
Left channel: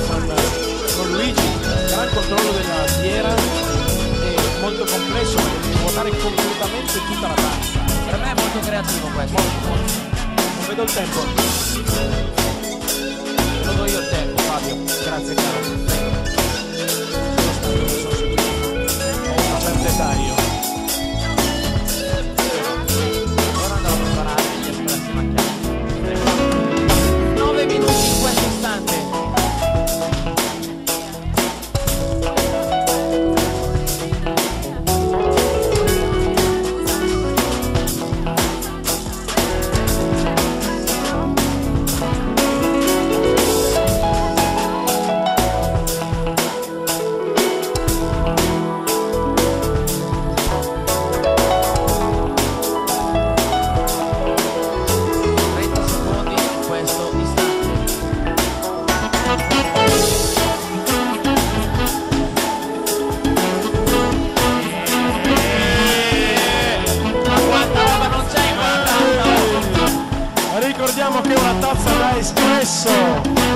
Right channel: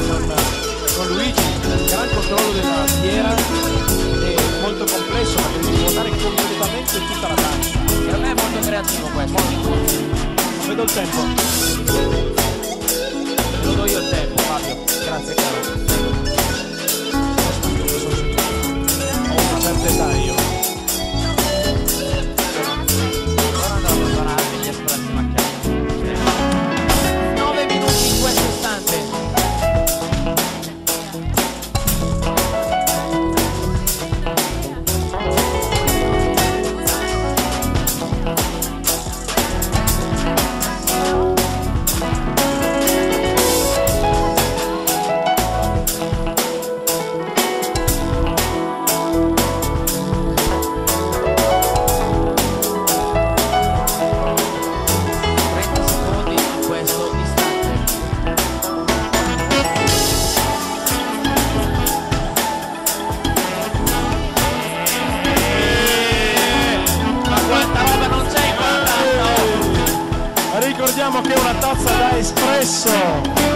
con Luigi, gran controllo della fiera, è molto complesso perché devi ruotare completamente tutta la danza. Per me è molto creativo questo. Molto. Non vedo il tempo. Te lo do io il tempo, Fabio. Grazie caro, prego. Sono stanco, mi sono seduto. Ho una certa età io. Ora andrò a prepararmi gli espressi macchiati. Prego. 9 minuti in questo istante. Ricordiamo che è una tazza da espresso.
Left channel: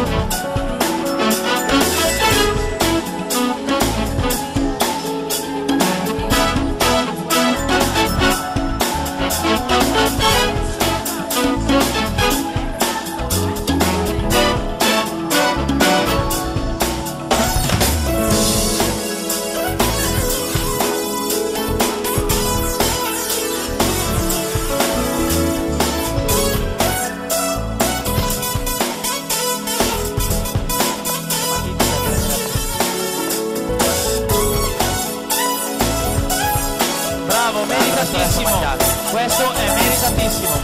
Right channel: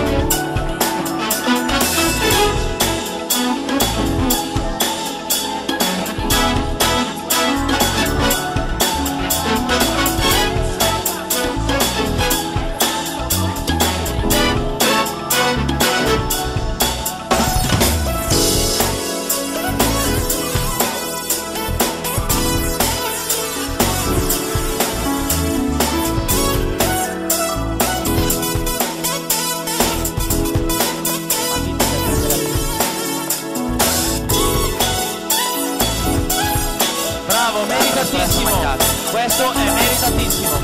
Bravo, meritatissimo. Questo è meritatissimo.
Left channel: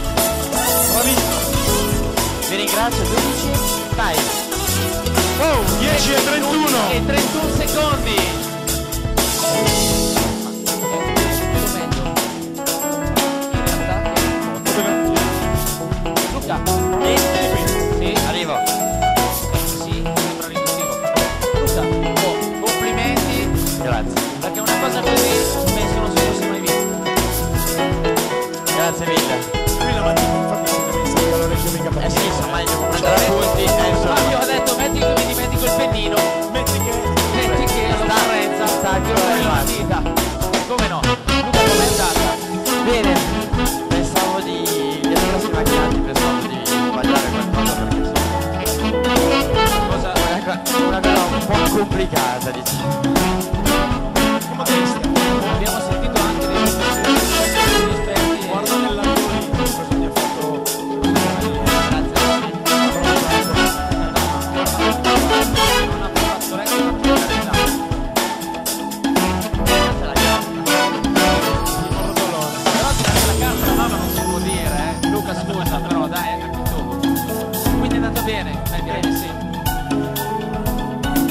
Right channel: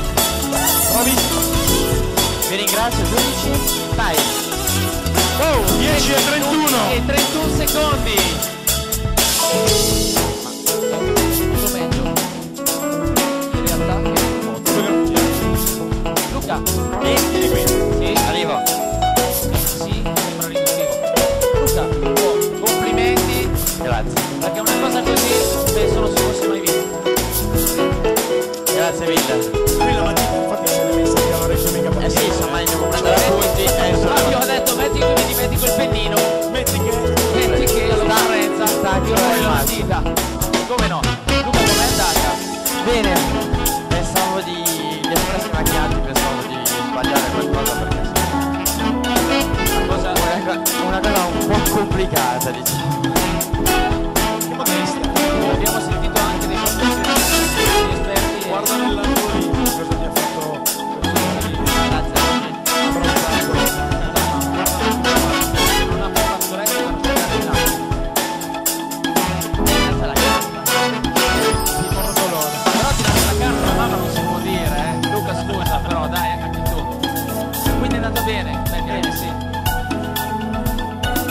Bravissimo. Vi ringrazio giudici. Time. Oh, 10 e 31. E 31 secondi. È tutto meglio in realtà che in foto. Fotografia. Luca. Vieni qui. Sì, Arrivo. sì, sembra riduttivo. Luca, oh, complimenti, Grazie. perché una cosa così penso non si fosse mai vista. Grazie mille. lui la mattina infatti se l'è messa qui all'orecchio mica per sì, insomma devo prendere appunti. Fabio ha detto metti col pennino, metti che all'occorrenza tiro fuori la matita. Come no? Luca, com'è andata? Bene, pensavo di gli espressi macchiati, pensavo di sbagliare qualcosa perché una cosa un po' complicata, diciamo. che modestia. Abbiamo sentito anche dei professionisti, degli esperti. Guarda nell'angolo lì cosa ti ha fatto Grazie. abbronzato. Non ha fatto retto per giocare il lato. Questa è la carta. Il morrotolone. Però tirare la carta alla mamma non si può dire, eh. Luca scusa, però dai, anche tu. Quindi è andato bene, beh direi di sì.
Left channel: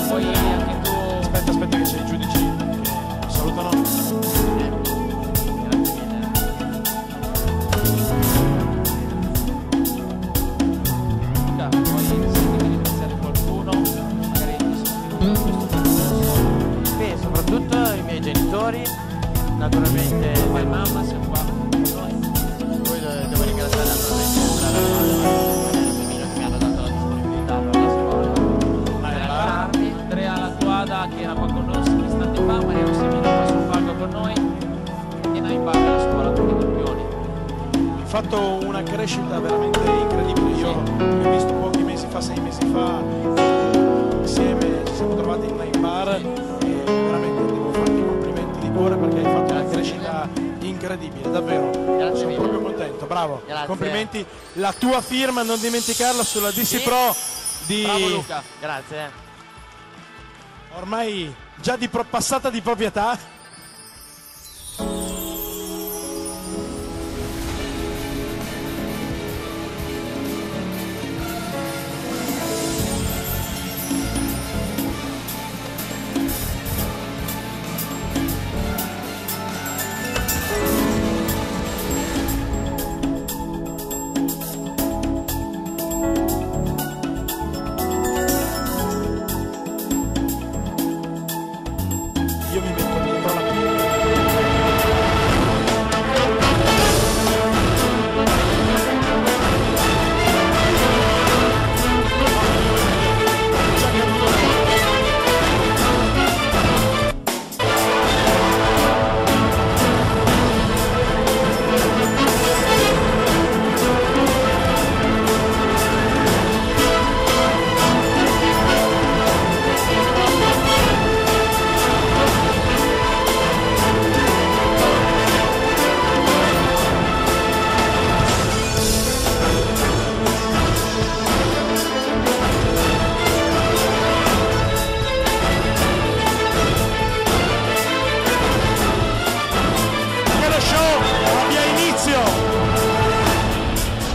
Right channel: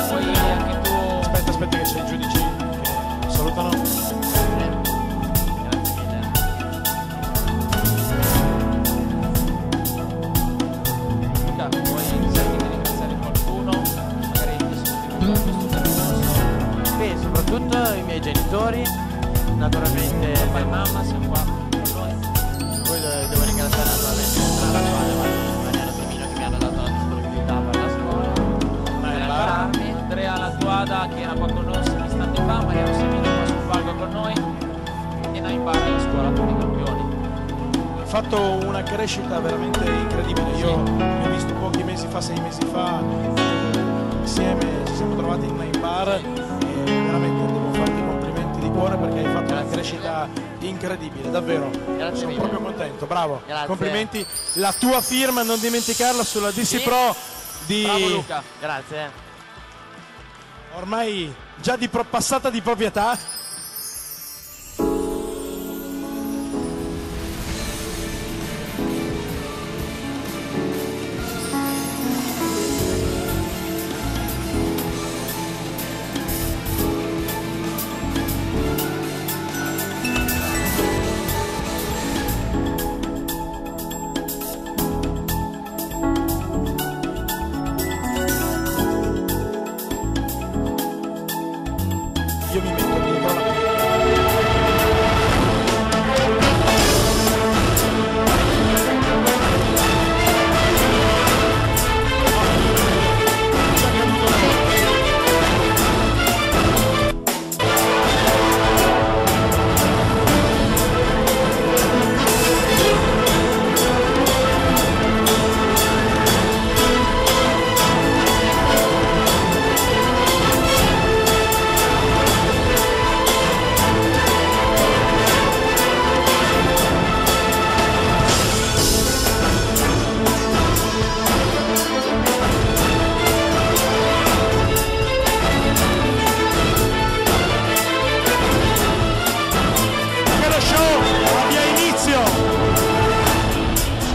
Poi anche tu. Aspetta che c'è i giudici che salutano. Grazie mille. Luca, poi senti di ringraziare qualcuno, magari ti sono in questo percorso. Beh, soprattutto i miei genitori, naturalmente Poi mamma, siamo qua con noi. poi devo ringraziare naturalmente Andrea La Squadra e Mariano Semino che mi hanno dato la disponibilità per la scuola, per allenarmi. Andrea Latuada che era qua con noi un istante fa, Mariano Semino qua sul palco con noi e Nine Bar alla scuola, tutti i campioni. Hai fatto una crescita veramente incredibile. Io ti ho visto pochi mesi fa, 6 mesi fa, insieme ci siamo trovati in Nine Bar e veramente devo farti i complimenti di cuore perché hai fatto una crescita incredibile, davvero. Grazie Sono mille. proprio contento, bravo. Grazie. Complimenti. La tua firma, non dimenticarla, sulla DC Pro di Bravo Luca. Grazie. ormai già passata di proprietà. Io mi metto dietro la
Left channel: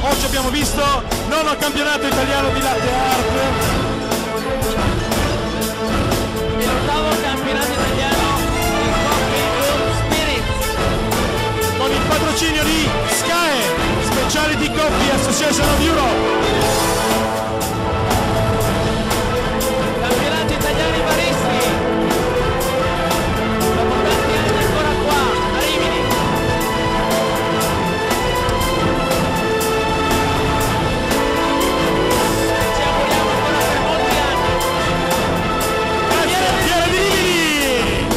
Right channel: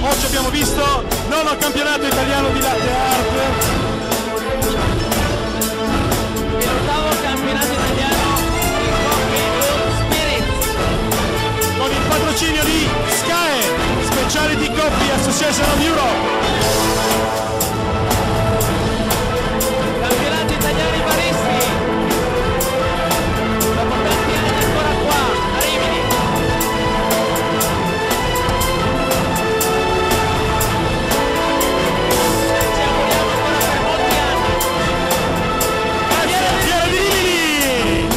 Oggi abbiamo visto nono campionato italiano di latte art, E l'ottavo campionato italiano di Coffee Room Spirits. con il patrocinio di SCAE, Specialty Coffee Association of Europe. Campionato italiano baristi. Dopo tanti anni ancora qua, a Rimini. Ci auguriamo ancora per molti anni. Fiera di Rimini!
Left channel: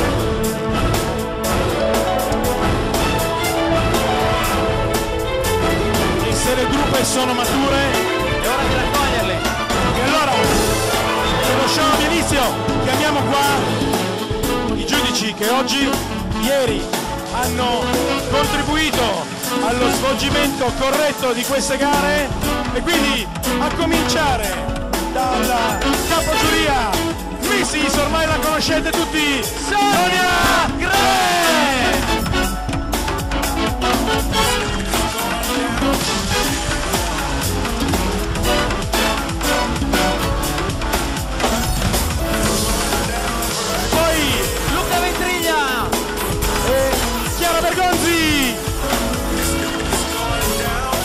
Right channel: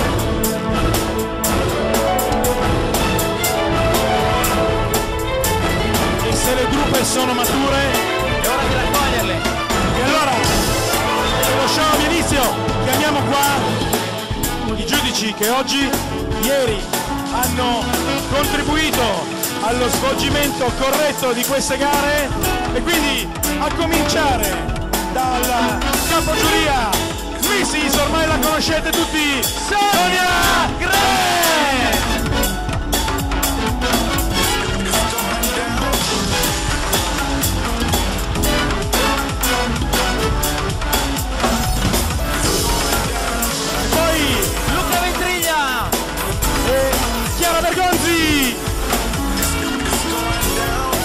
E se le drupe sono mature, È ora di raccoglierle. e allora, se lo show abbia inizio, chiamiamo qua i giudici che oggi, ieri, hanno contribuito allo svolgimento corretto di queste gare e quindi a cominciare dal capogiuria Mrs. ormai la conoscete tutti, Sonia Gre! Poi Luca Ventriglia. e Chiara Bergonzi,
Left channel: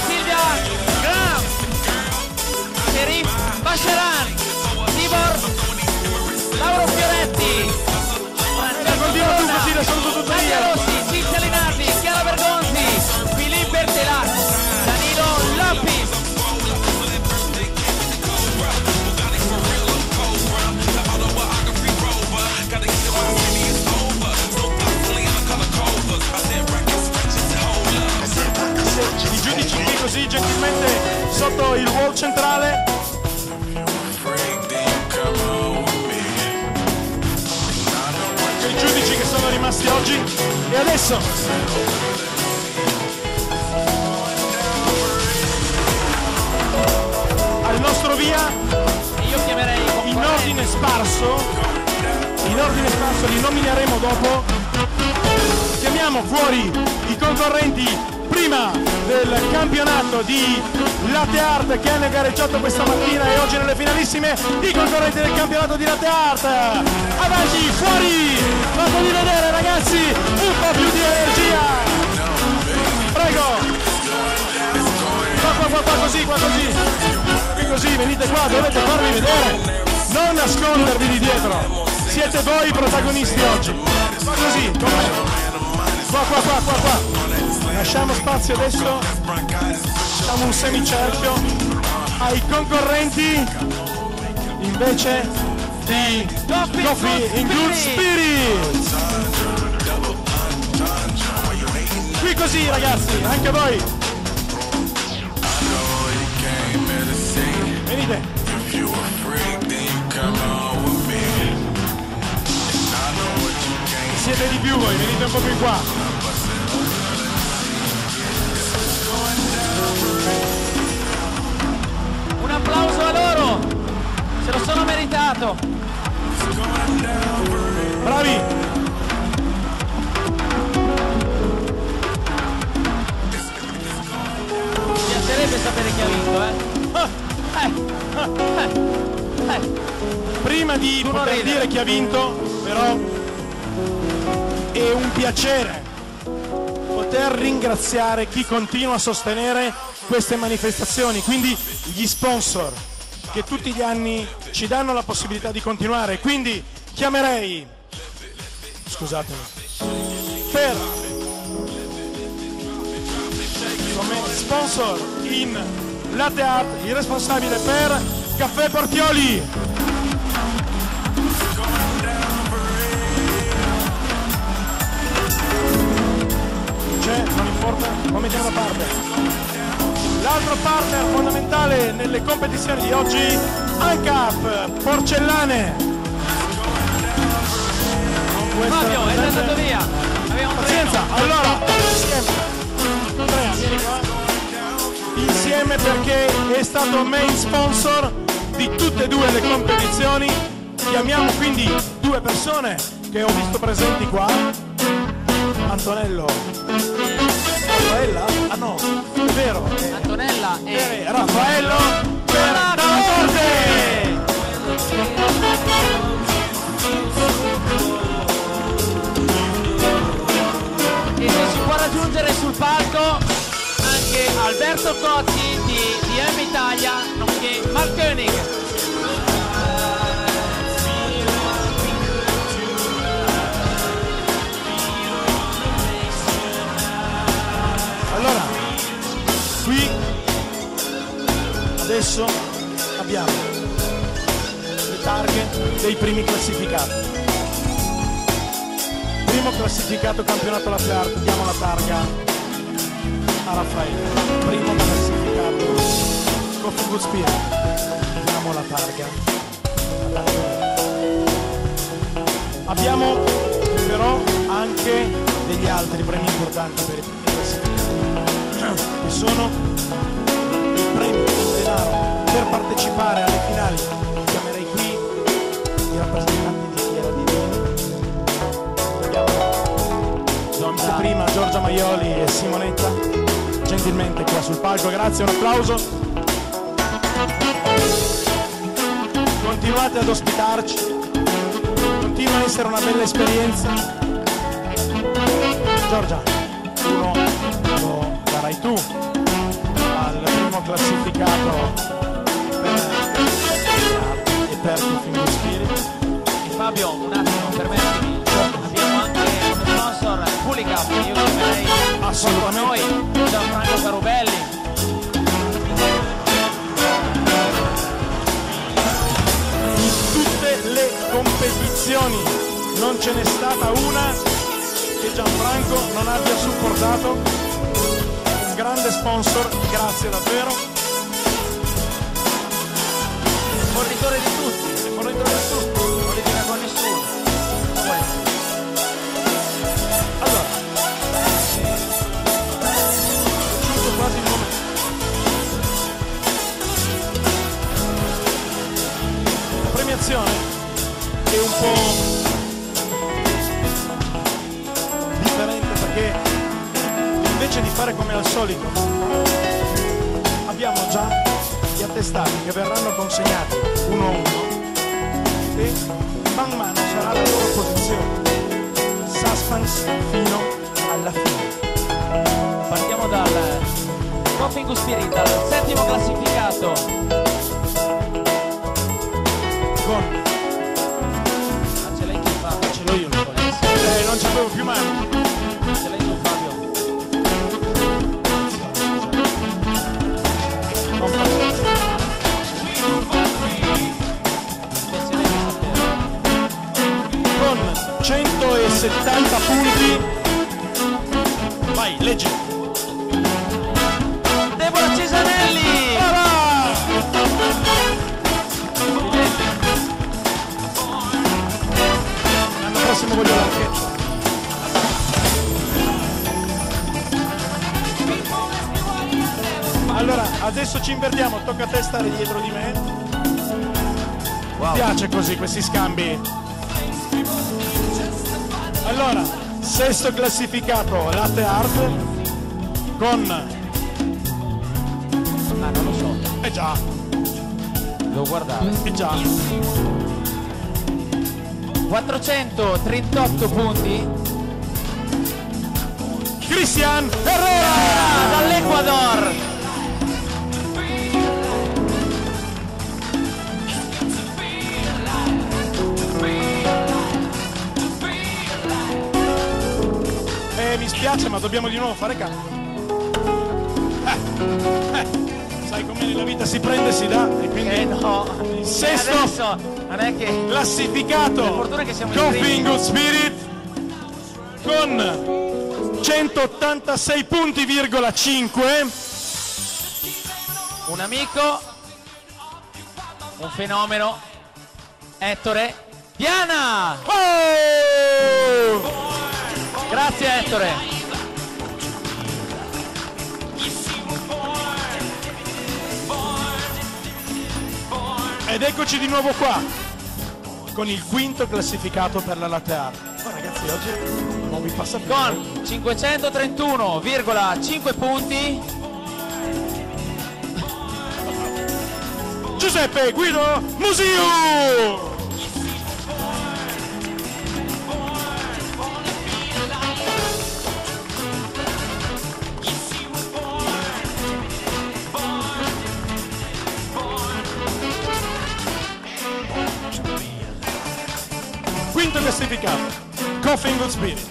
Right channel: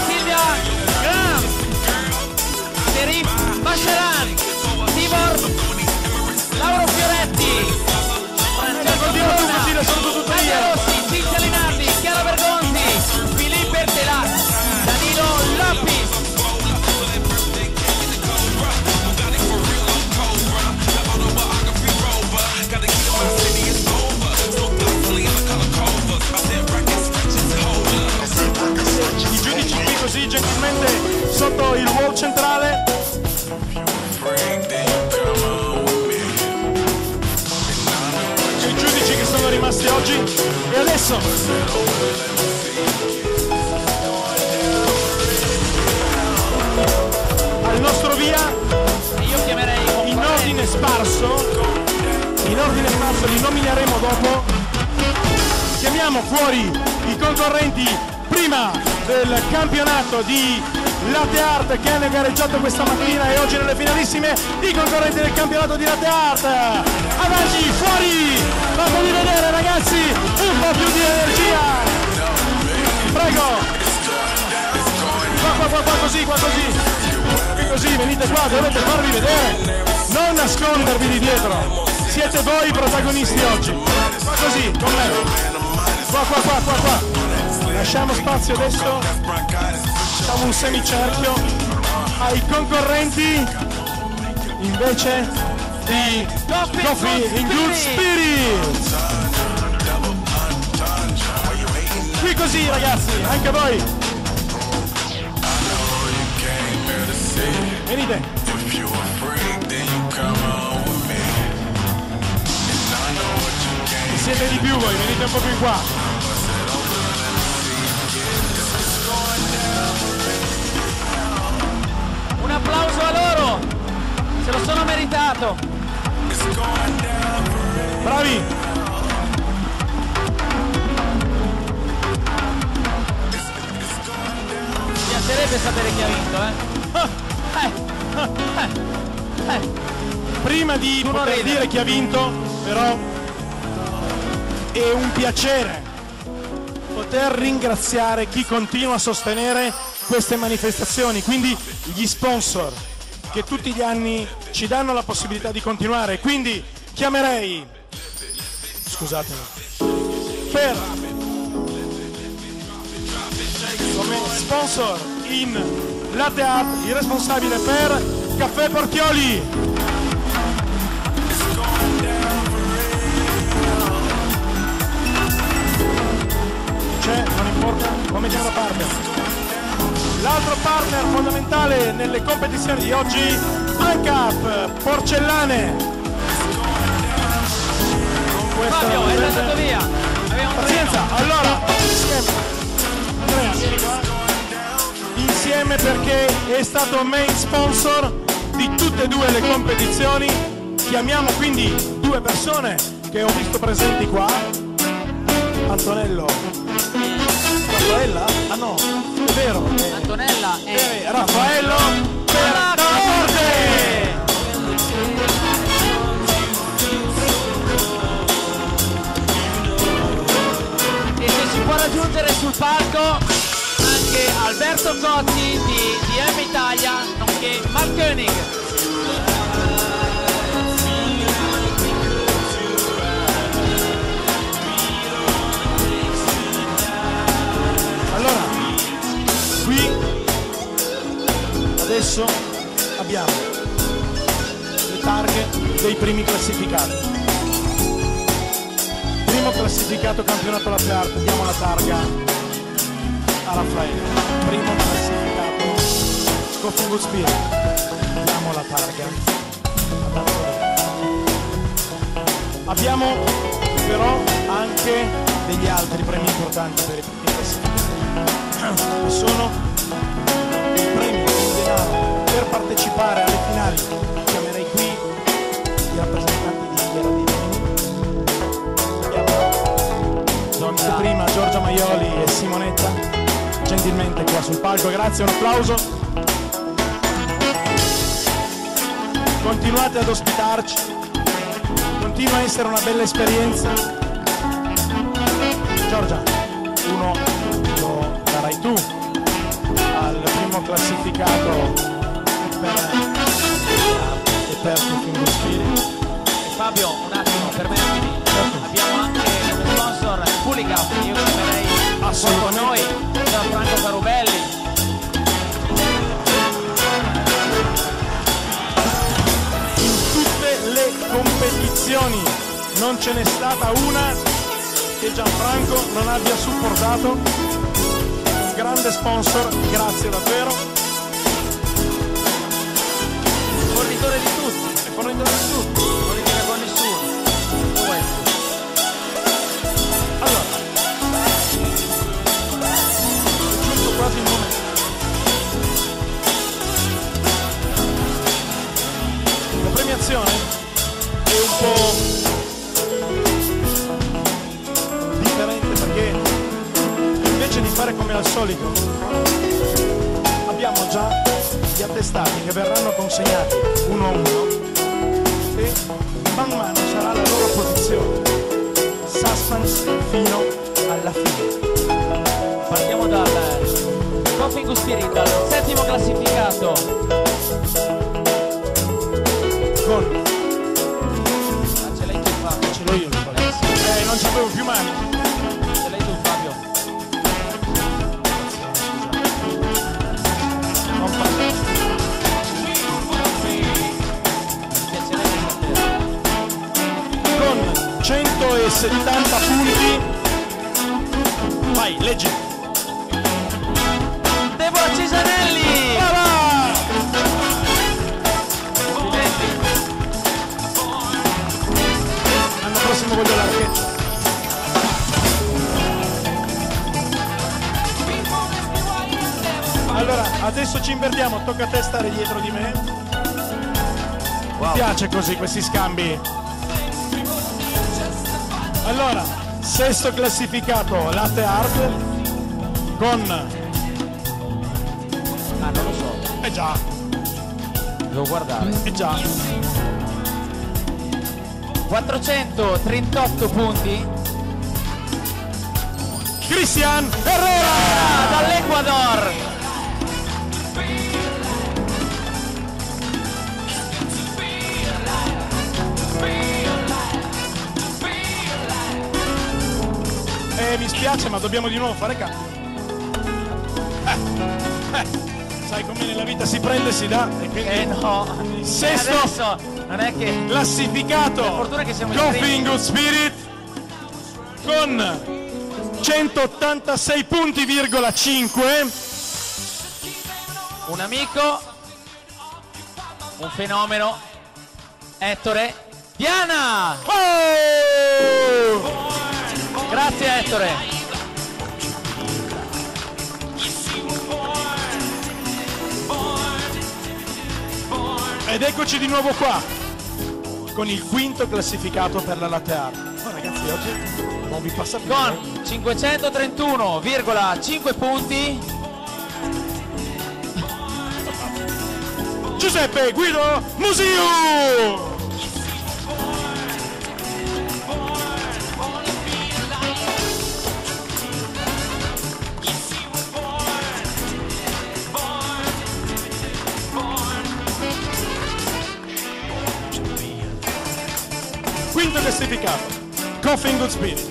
Silvia Graham, Serif Basceran, Tibor, Lauro Fioretti, Francesco continua tu Corona, così le saluto tutte Nadia io. Rossi, Cinzia Linardi, Chiara Bergonzi, Filippo Ertelac, Danilo rimasti oggi. E adesso al nostro via, E io chiamerei i in concorrenti. ordine sparso, li nomineremo dopo. Chiamiamo fuori i concorrenti prima del campionato di Latte Art che hanno gareggiato questa mattina e oggi nelle finalissime, i concorrenti del campionato di Latte Art. Avanti, fuori, fatevi vedere ragazzi, un po' più di energia. Prego. Qua così. Qui così, venite qua, dovete farvi vedere. Non nascondervi di dietro. Siete voi i protagonisti oggi. Qua così, con me. Qua. Lasciamo spazio adesso. Facciamo un semicerchio ai concorrenti invece di Coffee in Good Spirits. Qui così ragazzi, anche voi. Venite. Siete di più voi, venite un po' più in qua. Un applauso a loro, se lo sono meritato. Bravi. Mi piacerebbe sapere chi ha vinto, Prima di Tu non poter ridere. dire chi ha vinto, però è un piacere poter ringraziare chi continua a sostenere queste manifestazioni, quindi gli sponsor che tutti gli anni ci danno la possibilità di continuare. Quindi chiamerei, scusatemi, per come sponsor in Latte Art il responsabile per Caffè Portioli. C'è, non importa, lo mettiamo da parte. L'altro partner fondamentale nelle competizioni di oggi, ANCAP Porcellane. Non può essere Fabio, è presente. andato via. Aveva un Pazienza, treno. allora, insieme. Andrea, vieni qua. Insieme perché è stato main sponsor di tutte e due le competizioni. Chiamiamo quindi due persone che ho visto presenti qua. Antonello. Raffaella? Ah no, è vero. Antonella e Raffaello per Dalla Corte. E se ci può raggiungere sul palco anche Alberto Cotti di DM Italia, nonché Mark Koenig. Allora, qui adesso abbiamo le targhe dei primi classificati. Primo classificato campionato Latte Art, diamo la targa a Raffaele. Primo classificato Coffee Good Spirit, diamo la targa ad Antonello. Abbiamo però anche degli altri premi importanti per i primi classificati, che sono i premi in denaro per partecipare alle finali. Chiamerei qui i rappresentanti di Fiera di Rimini. Abbiamo prima Giorgia Maioli e Simonetta gentilmente qua sul palco, grazie, un applauso. Continuate ad ospitarci, continua a essere una bella esperienza. Giorgia, uno lo darai tu al primo classificato per Coffee Good Spirit. E Fabio, un attimo, permettimi, Certo. abbiamo anche come sponsor Pulicap, io chiamerei Assolutamente. con noi Gianfranco Carubelli. In tutte le competizioni non ce n'è stata una che Gianfranco non abbia supportato. Un grande sponsor, grazie davvero. Fornitore di tutti, E fornitore di tutto. non litiga con nessuno. Cosa vuoi? formazione è un po' differente, perché invece di fare come al solito abbiamo già gli attestati che verranno consegnati uno a uno e man mano sarà la loro posizione. Suspense fino alla fine. Partiamo dal Coffee Good Spirit, dal settimo classificato. Con Ce l'hai tu, Fabio. ce l'ho io il foglio. Non c'avevo più mani. Ce l'hai tu, Fabio. Non faccio. Mi piacerebbe saperlo. Con 170 punti. Vai, leggi. Deborah Cesanelli. Brava! Complimenti. L'anno prossimo voglio l'archetto. Allora, adesso ci invertiamo, tocca a te stare dietro di me. Mi piace così questi scambi. Allora, sesto classificato Latte Art con... Ah, non lo so. già, Devo guardare. già. 438 punti. Cristian Herrera Dall'Ecuador. Mi spiace, ma dobbiamo di nuovo fare cambio. Sai com'è, nella vita si prende e si dà, e quindi No. il sesto Adesso non è che... classificato Per fortuna che siamo Coffee iscritti. in Good Spirit con 186 punti,5. Un amico, un fenomeno, Ettore Diana. Oh! Grazie Ettore. Ed eccoci di nuovo qua con il quinto classificato per la Latte Art. Oh ragazzi, oggi non vi passa più. Con 531,5 punti Giuseppe Guido Musiu. Quinto classificato Coffee in Good Spirit,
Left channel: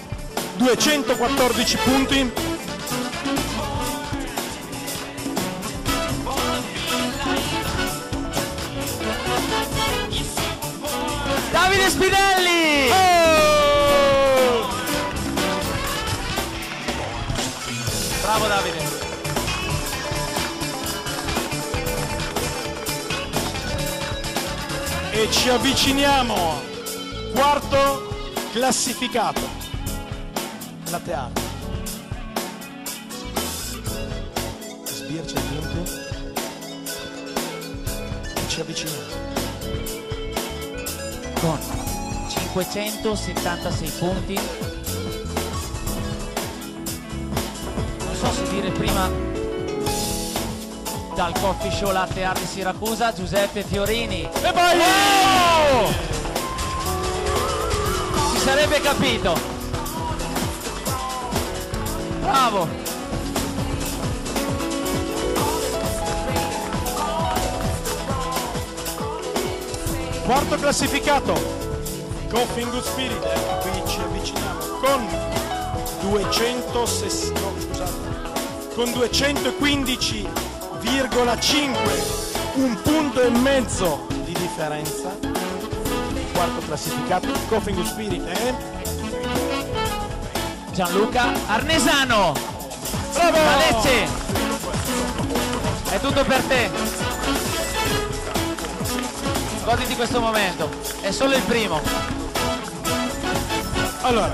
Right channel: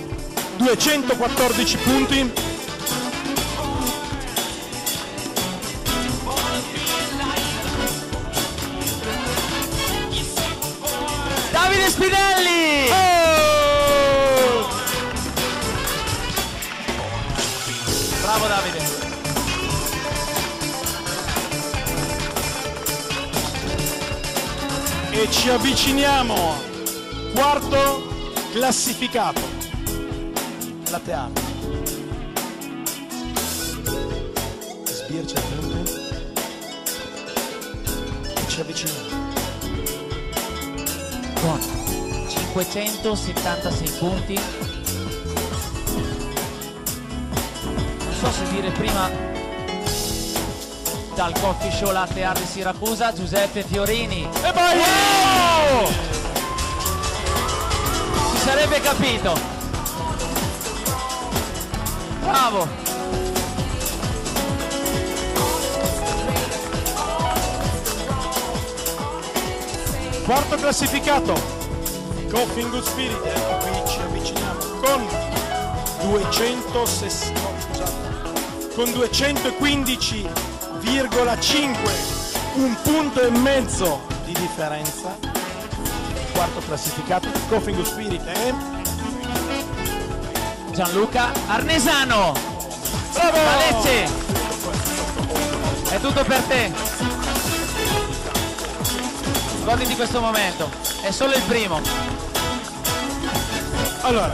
214 punti. Davide Spinelli. Oh! Bravo Davide. E ci avviciniamo, quarto classificato Latte Art. Sbircia i punti e ci avviciniamo. Con 576 punti. Non so se dire prima dal Coffee Show Latte Art di Siracusa, Giuseppe Fiorini. E vai! Wow! Si sarebbe capito. Bravo. Quarto classificato Coffee in Good Spirit, anche qui ci avviciniamo con 215,5, un punto e mezzo di differenza. Quarto classificato Coffee in Good Spirit è Gianluca Arnesano. bravo! Da Lecce. È tutto per te. Goditi questo momento. È solo il primo. Allora,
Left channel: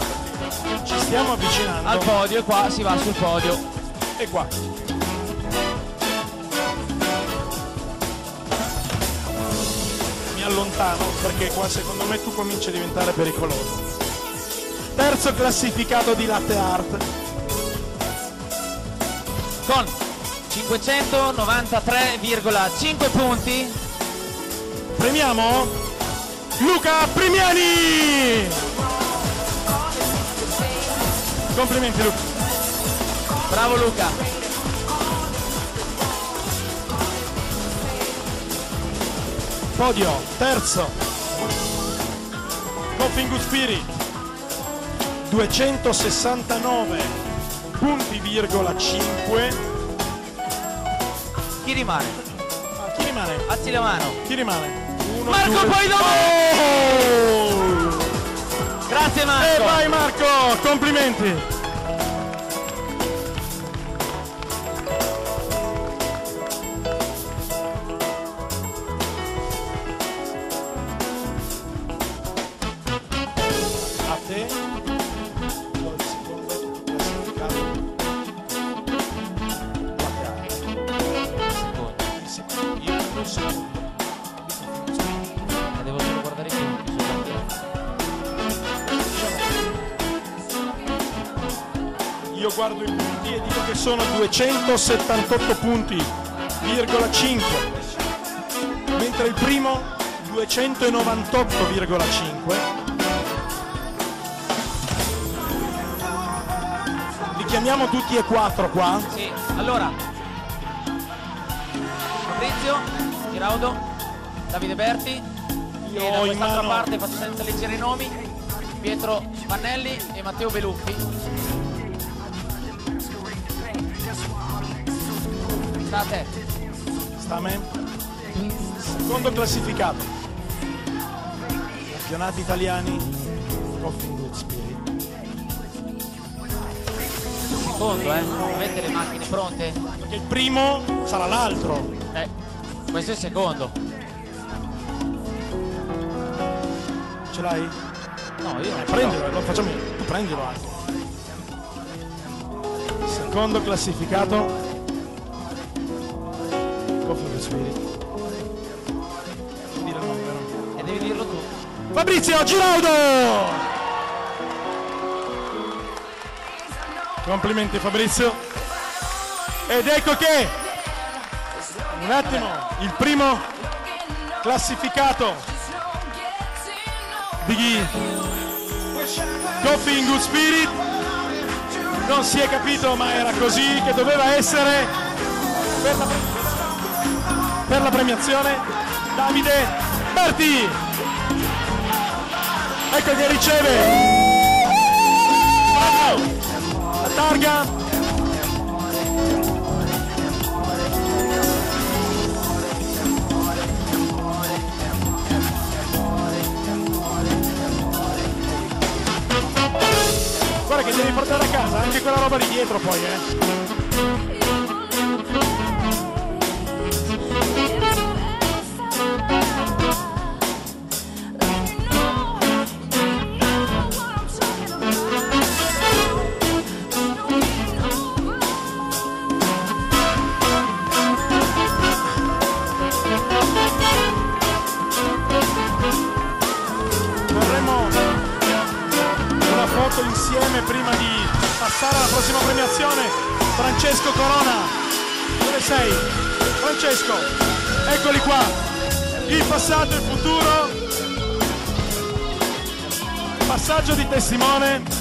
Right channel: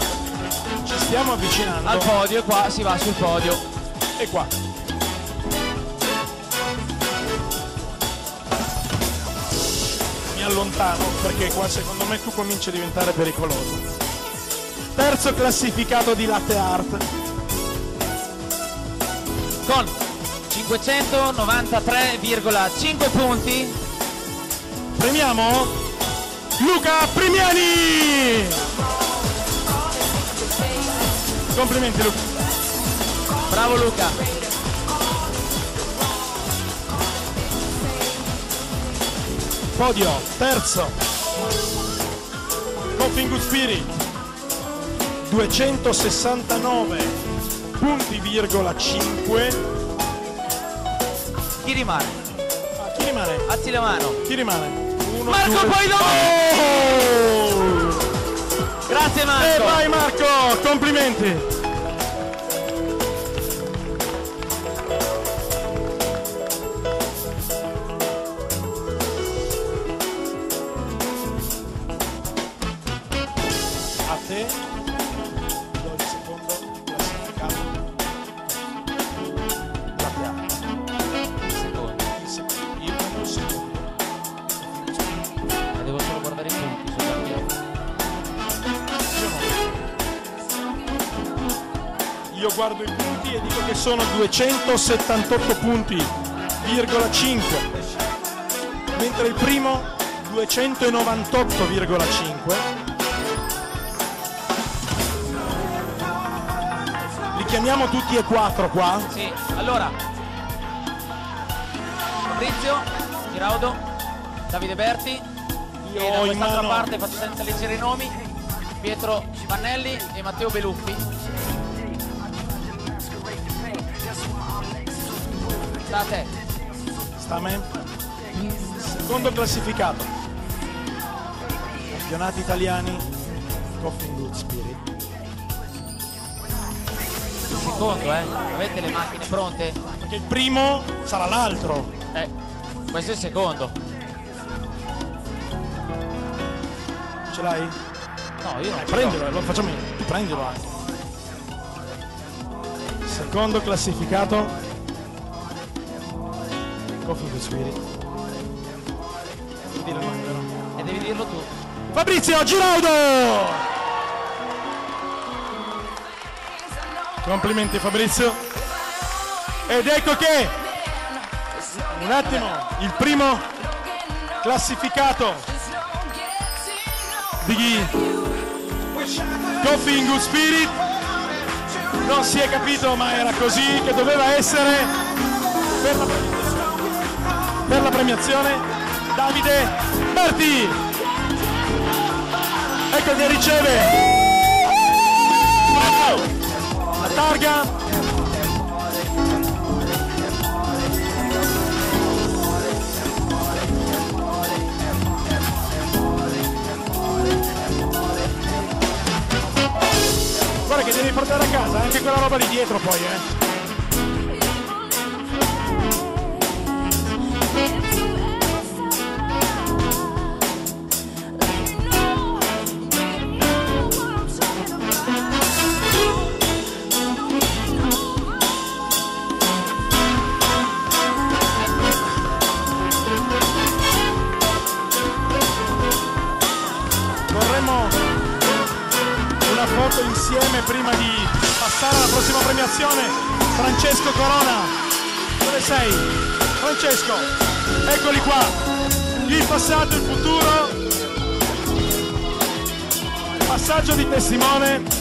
ci stiamo avvicinando Al podio, e qua si va sul podio. e qua. Mi allontano perché qua secondo me tu cominci a diventare pericoloso. Terzo classificato di latte art con 593,5 punti. Premiamo Luca Primiani. Complimenti Luca. Bravo Luca. Podio terzo Coffee Good Spirit 269 punti,5. Chi rimane? Chi rimane? Alzi la mano. Chi rimane? Uno, Marco due. Poidoni! Oh! Grazie Marco. E vai Marco, complimenti. A te do il secondo classificato. La piana. Secondo. Il secondo. Io prendo il secondo. E devo solo guardare i punti sul campione. Io no. Io guardo i punti e dico che sono 278 punti,5, mentre il primo 298,5. Li chiamiamo tutti e quattro qua? Sì, allora Fabrizio Giraudo, Davide Berti, e Io da ho in quest'altra mano parte faccio senza leggere i nomi, Pietro Pannelli e Matteo Beluffi. Sta a te. Sta a me. Secondo classificato. Campionati italiani Coffee Good Spirit. Secondo, avete le macchine pronte? Perché il primo sarà l'altro. Questo è il secondo. Ce l'hai? No, io non ce l'ho. Prendilo, lo facciamo io. Tu prendilo anche. Secondo classificato Coffee Good Spirit. Devo dire il nome, vero? E devi dirlo tu. Fabrizio Giraudo! Complimenti Fabrizio. Ed ecco che un attimo, il primo classificato di Coffee Good Spirit non si è capito, ma era così che doveva essere per la premiazione. Davide Berti, ecco che riceve la targa. Guarda che devi portare a casa anche quella roba lì dietro poi, Vorremmo una foto insieme prima di passare alla prossima premiazione. Francesco Corona, dove sei? Francesco, eccoli qua, il passato e il futuro, passaggio di testimone.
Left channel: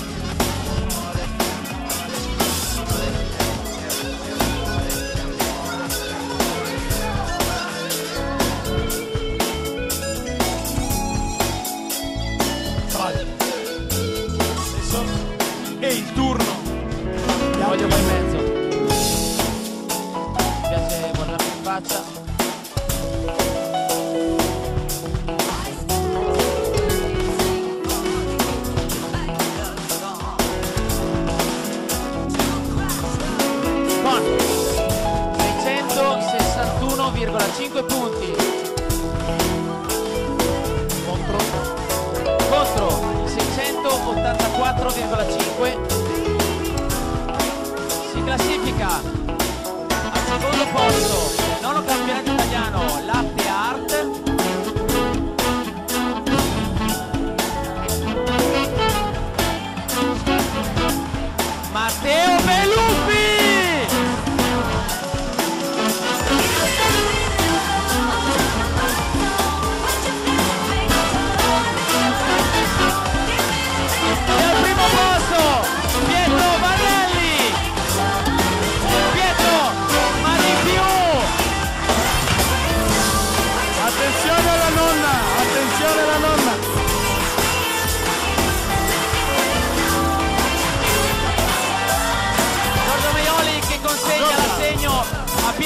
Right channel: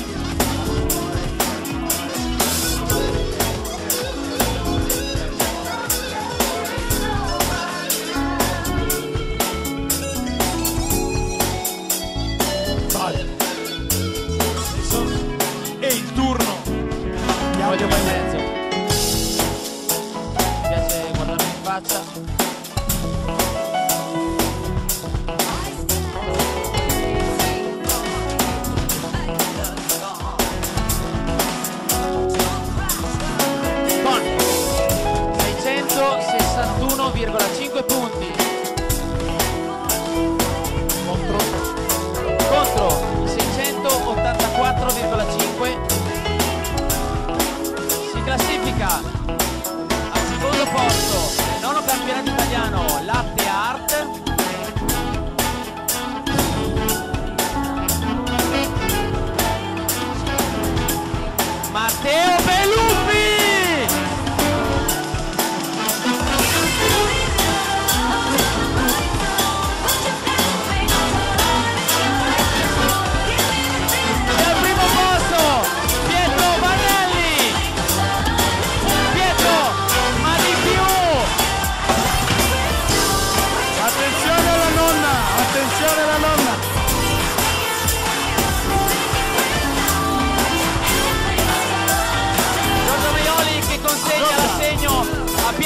Adesso è il turno. Voglio qua in mezzo. Mi piace guardarmi in faccia. Con 661,5 punti contro i 684,5. Si classifica al secondo posto del nono campionato italiano Latte Art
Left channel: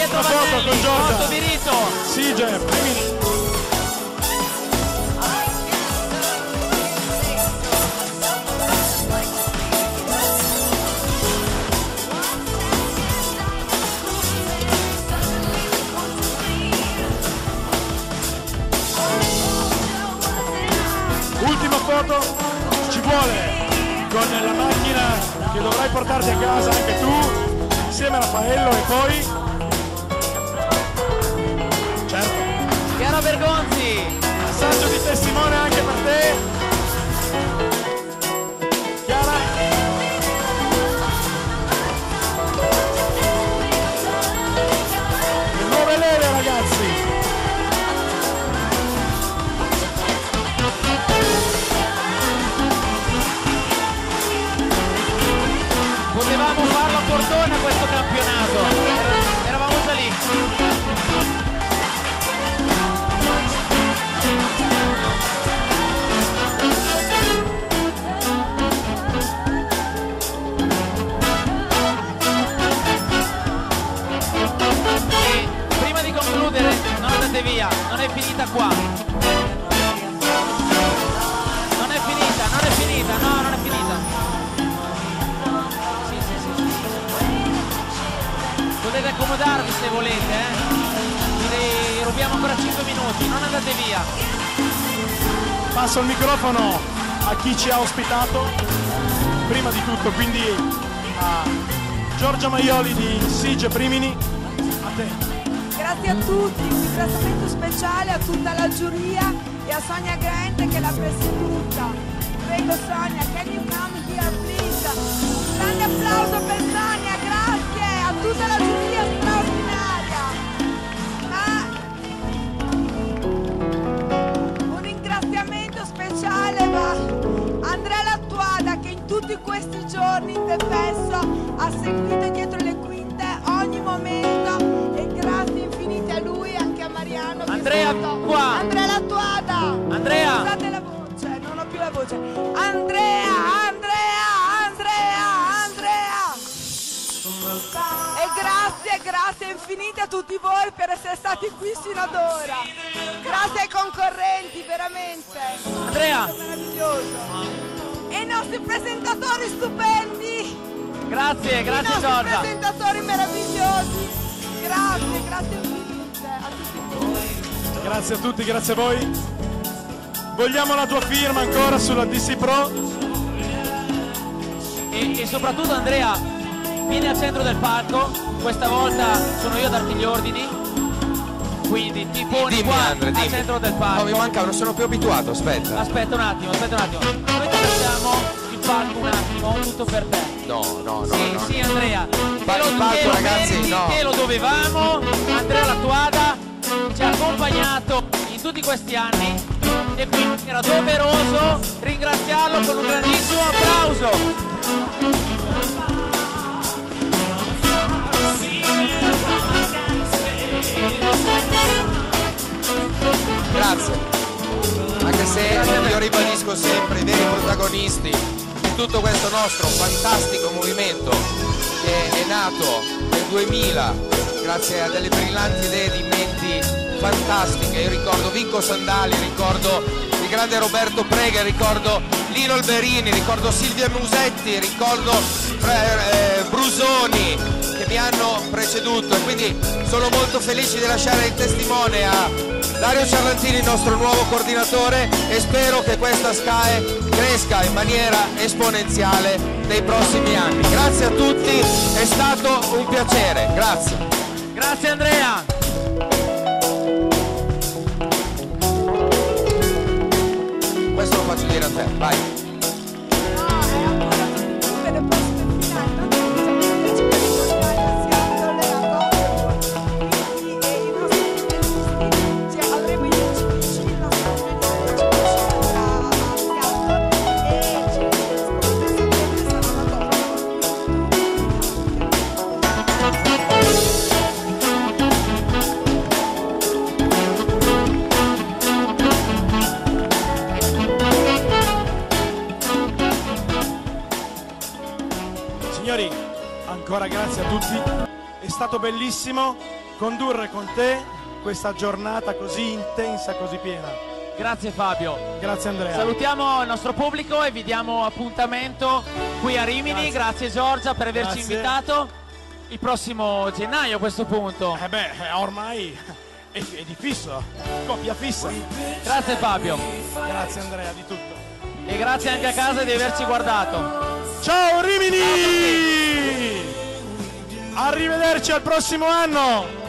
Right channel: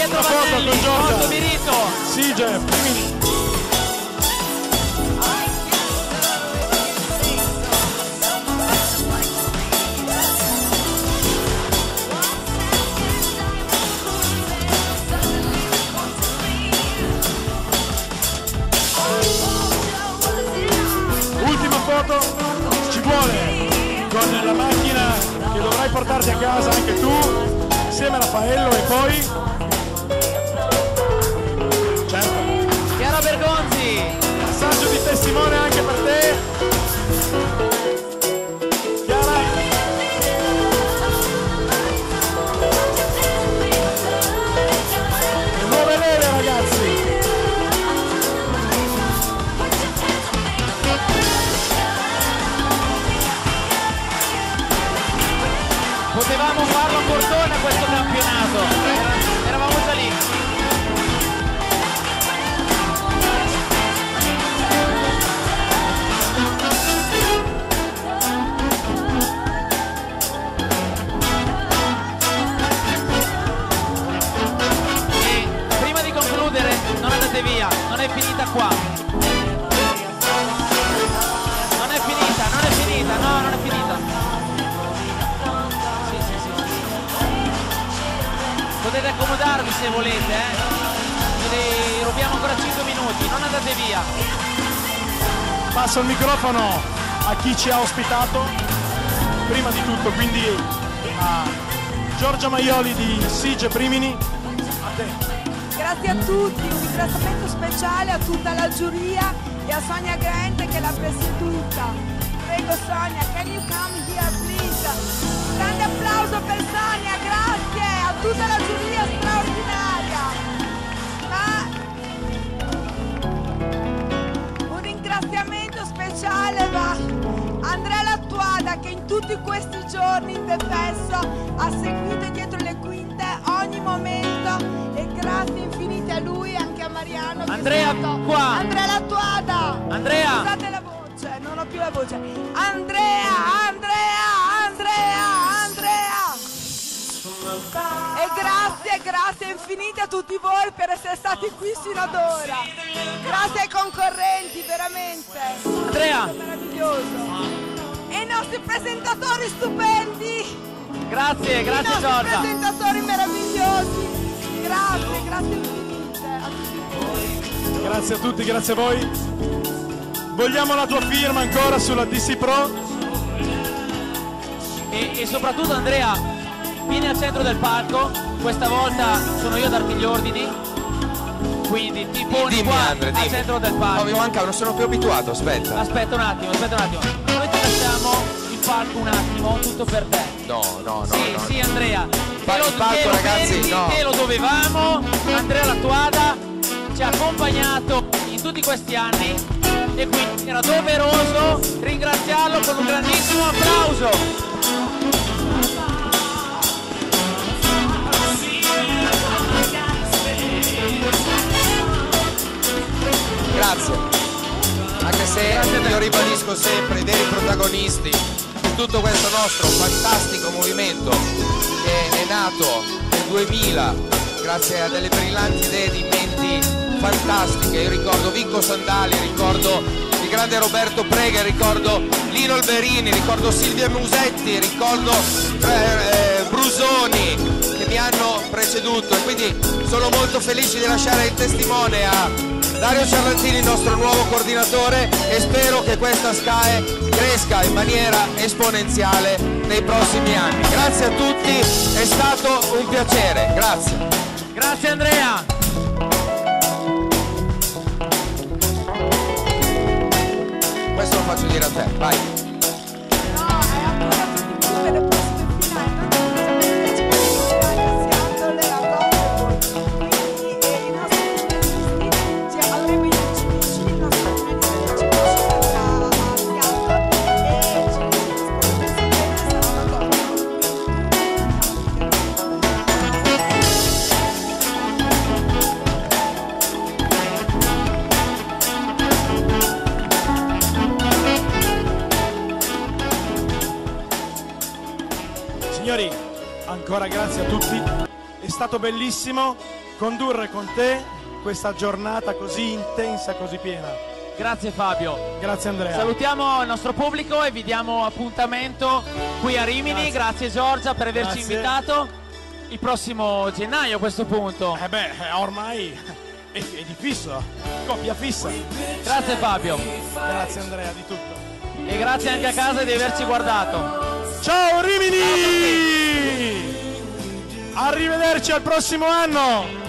Pietro La foto Vanelli, con Giorgia. Otto Birito. Sige, Primini. Ultima foto, ci vuole con la macchina che dovrai portarti a casa anche tu, insieme a Raffaello e poi... Certo, Chiara Bergonzi. passaggio di testimone anche per te. Chiara. Le nuove leve, ragazzi. Potevamo farlo a Cortona questo campionato. Eravamo già lì. E prima di concludere, non andate via, non è finita qua. Non è finita, non è finita, no, non è finita. Potete accomodarvi se volete, Vi rubiamo ancora 5 minuti, non andate via. Passo il microfono a chi ci ha ospitato, prima di tutto, quindi a Giorgia Maioli di Sige Primini. A te. Grazie a tutti, un ringraziamento speciale a tutta la giuria e a Sonia Grant che l'ha presieduta. Prego Sonia, can you come here please? Grande applauso per Sonia, grazie a tutta la giuria straordinaria. Ma un ringraziamento speciale va a Andrea Lattuada che in tutti questi giorni in Defesso ha seguito dietro le quinte ogni momento e grazie infinite a lui e anche a Mariano. Andrea, che è stato... qua. Andrea Lattuada. Andrea. Scusate la voce, non ho più la voce. Andrea. E grazie infinite a tutti voi per essere stati qui sino ad ora. Grazie ai concorrenti, veramente. Andrea. È meraviglioso. E i nostri presentatori stupendi. Grazie, grazie I nostri Giorgia. presentatori meravigliosi. Grazie infinite a tutti voi. Grazie a tutti, grazie a voi. Vogliamo la tua firma ancora sulla DC Pro. E soprattutto Andrea, vieni al centro del palco, questa volta sono io a darti gli ordini, quindi ti poni Dimmi, qua Andre, al dimmi. centro del No, palco. mi manca, non sono più abituato, aspetta. Aspetta un attimo. Noi ti lasciamo il palco un attimo, tutto per te. No. Sì, Andrea. Il palco, ragazzi, meriti, no. te lo dovevamo. Andrea Lattuada ci ha accompagnato in tutti questi anni e quindi era doveroso ringraziarlo con un grandissimo applauso. Grazie. Anche se io ribadisco sempre i veri protagonisti di tutto questo nostro fantastico movimento che è nato nel 2000 grazie a delle brillanti idee di menti fantastiche. Io ricordo Vinco Sandali, ricordo il grande Roberto Prega, ricordo Lino Alberini, ricordo Silvia Musetti, ricordo Brusoni che mi hanno preceduto, e quindi sono molto felice di lasciare il testimone a Dario Ciarlantini, il nostro nuovo coordinatore, e spero che questa SKAE cresca in maniera esponenziale nei prossimi anni. Grazie a tutti, è stato un piacere, grazie. Grazie Andrea. Questo lo faccio dire a te, vai. No, è ancora tutti qui per le prossime finali. Non siamo invece per i mondiali a Seattle e a Gothenburg. Quindi i nostri finalisti, avremo i CPC, il nostro finalista del CPC andrà a Seattle e come sapete saranno a Gothenburg. Signori, ancora grazie a tutti, è stato bellissimo condurre con te questa giornata così intensa, così piena. Grazie Fabio. Grazie Andrea. Salutiamo il nostro pubblico e vi diamo appuntamento qui a Rimini. Grazie Giorgia per averci Grazie. invitato. Il prossimo gennaio a questo punto. Ormai è di fisso, coppia fissa. Grazie Fabio. Grazie Andrea di tutto. E grazie anche a casa di averci guardato. Ciao Rimini! Arrivederci al prossimo anno!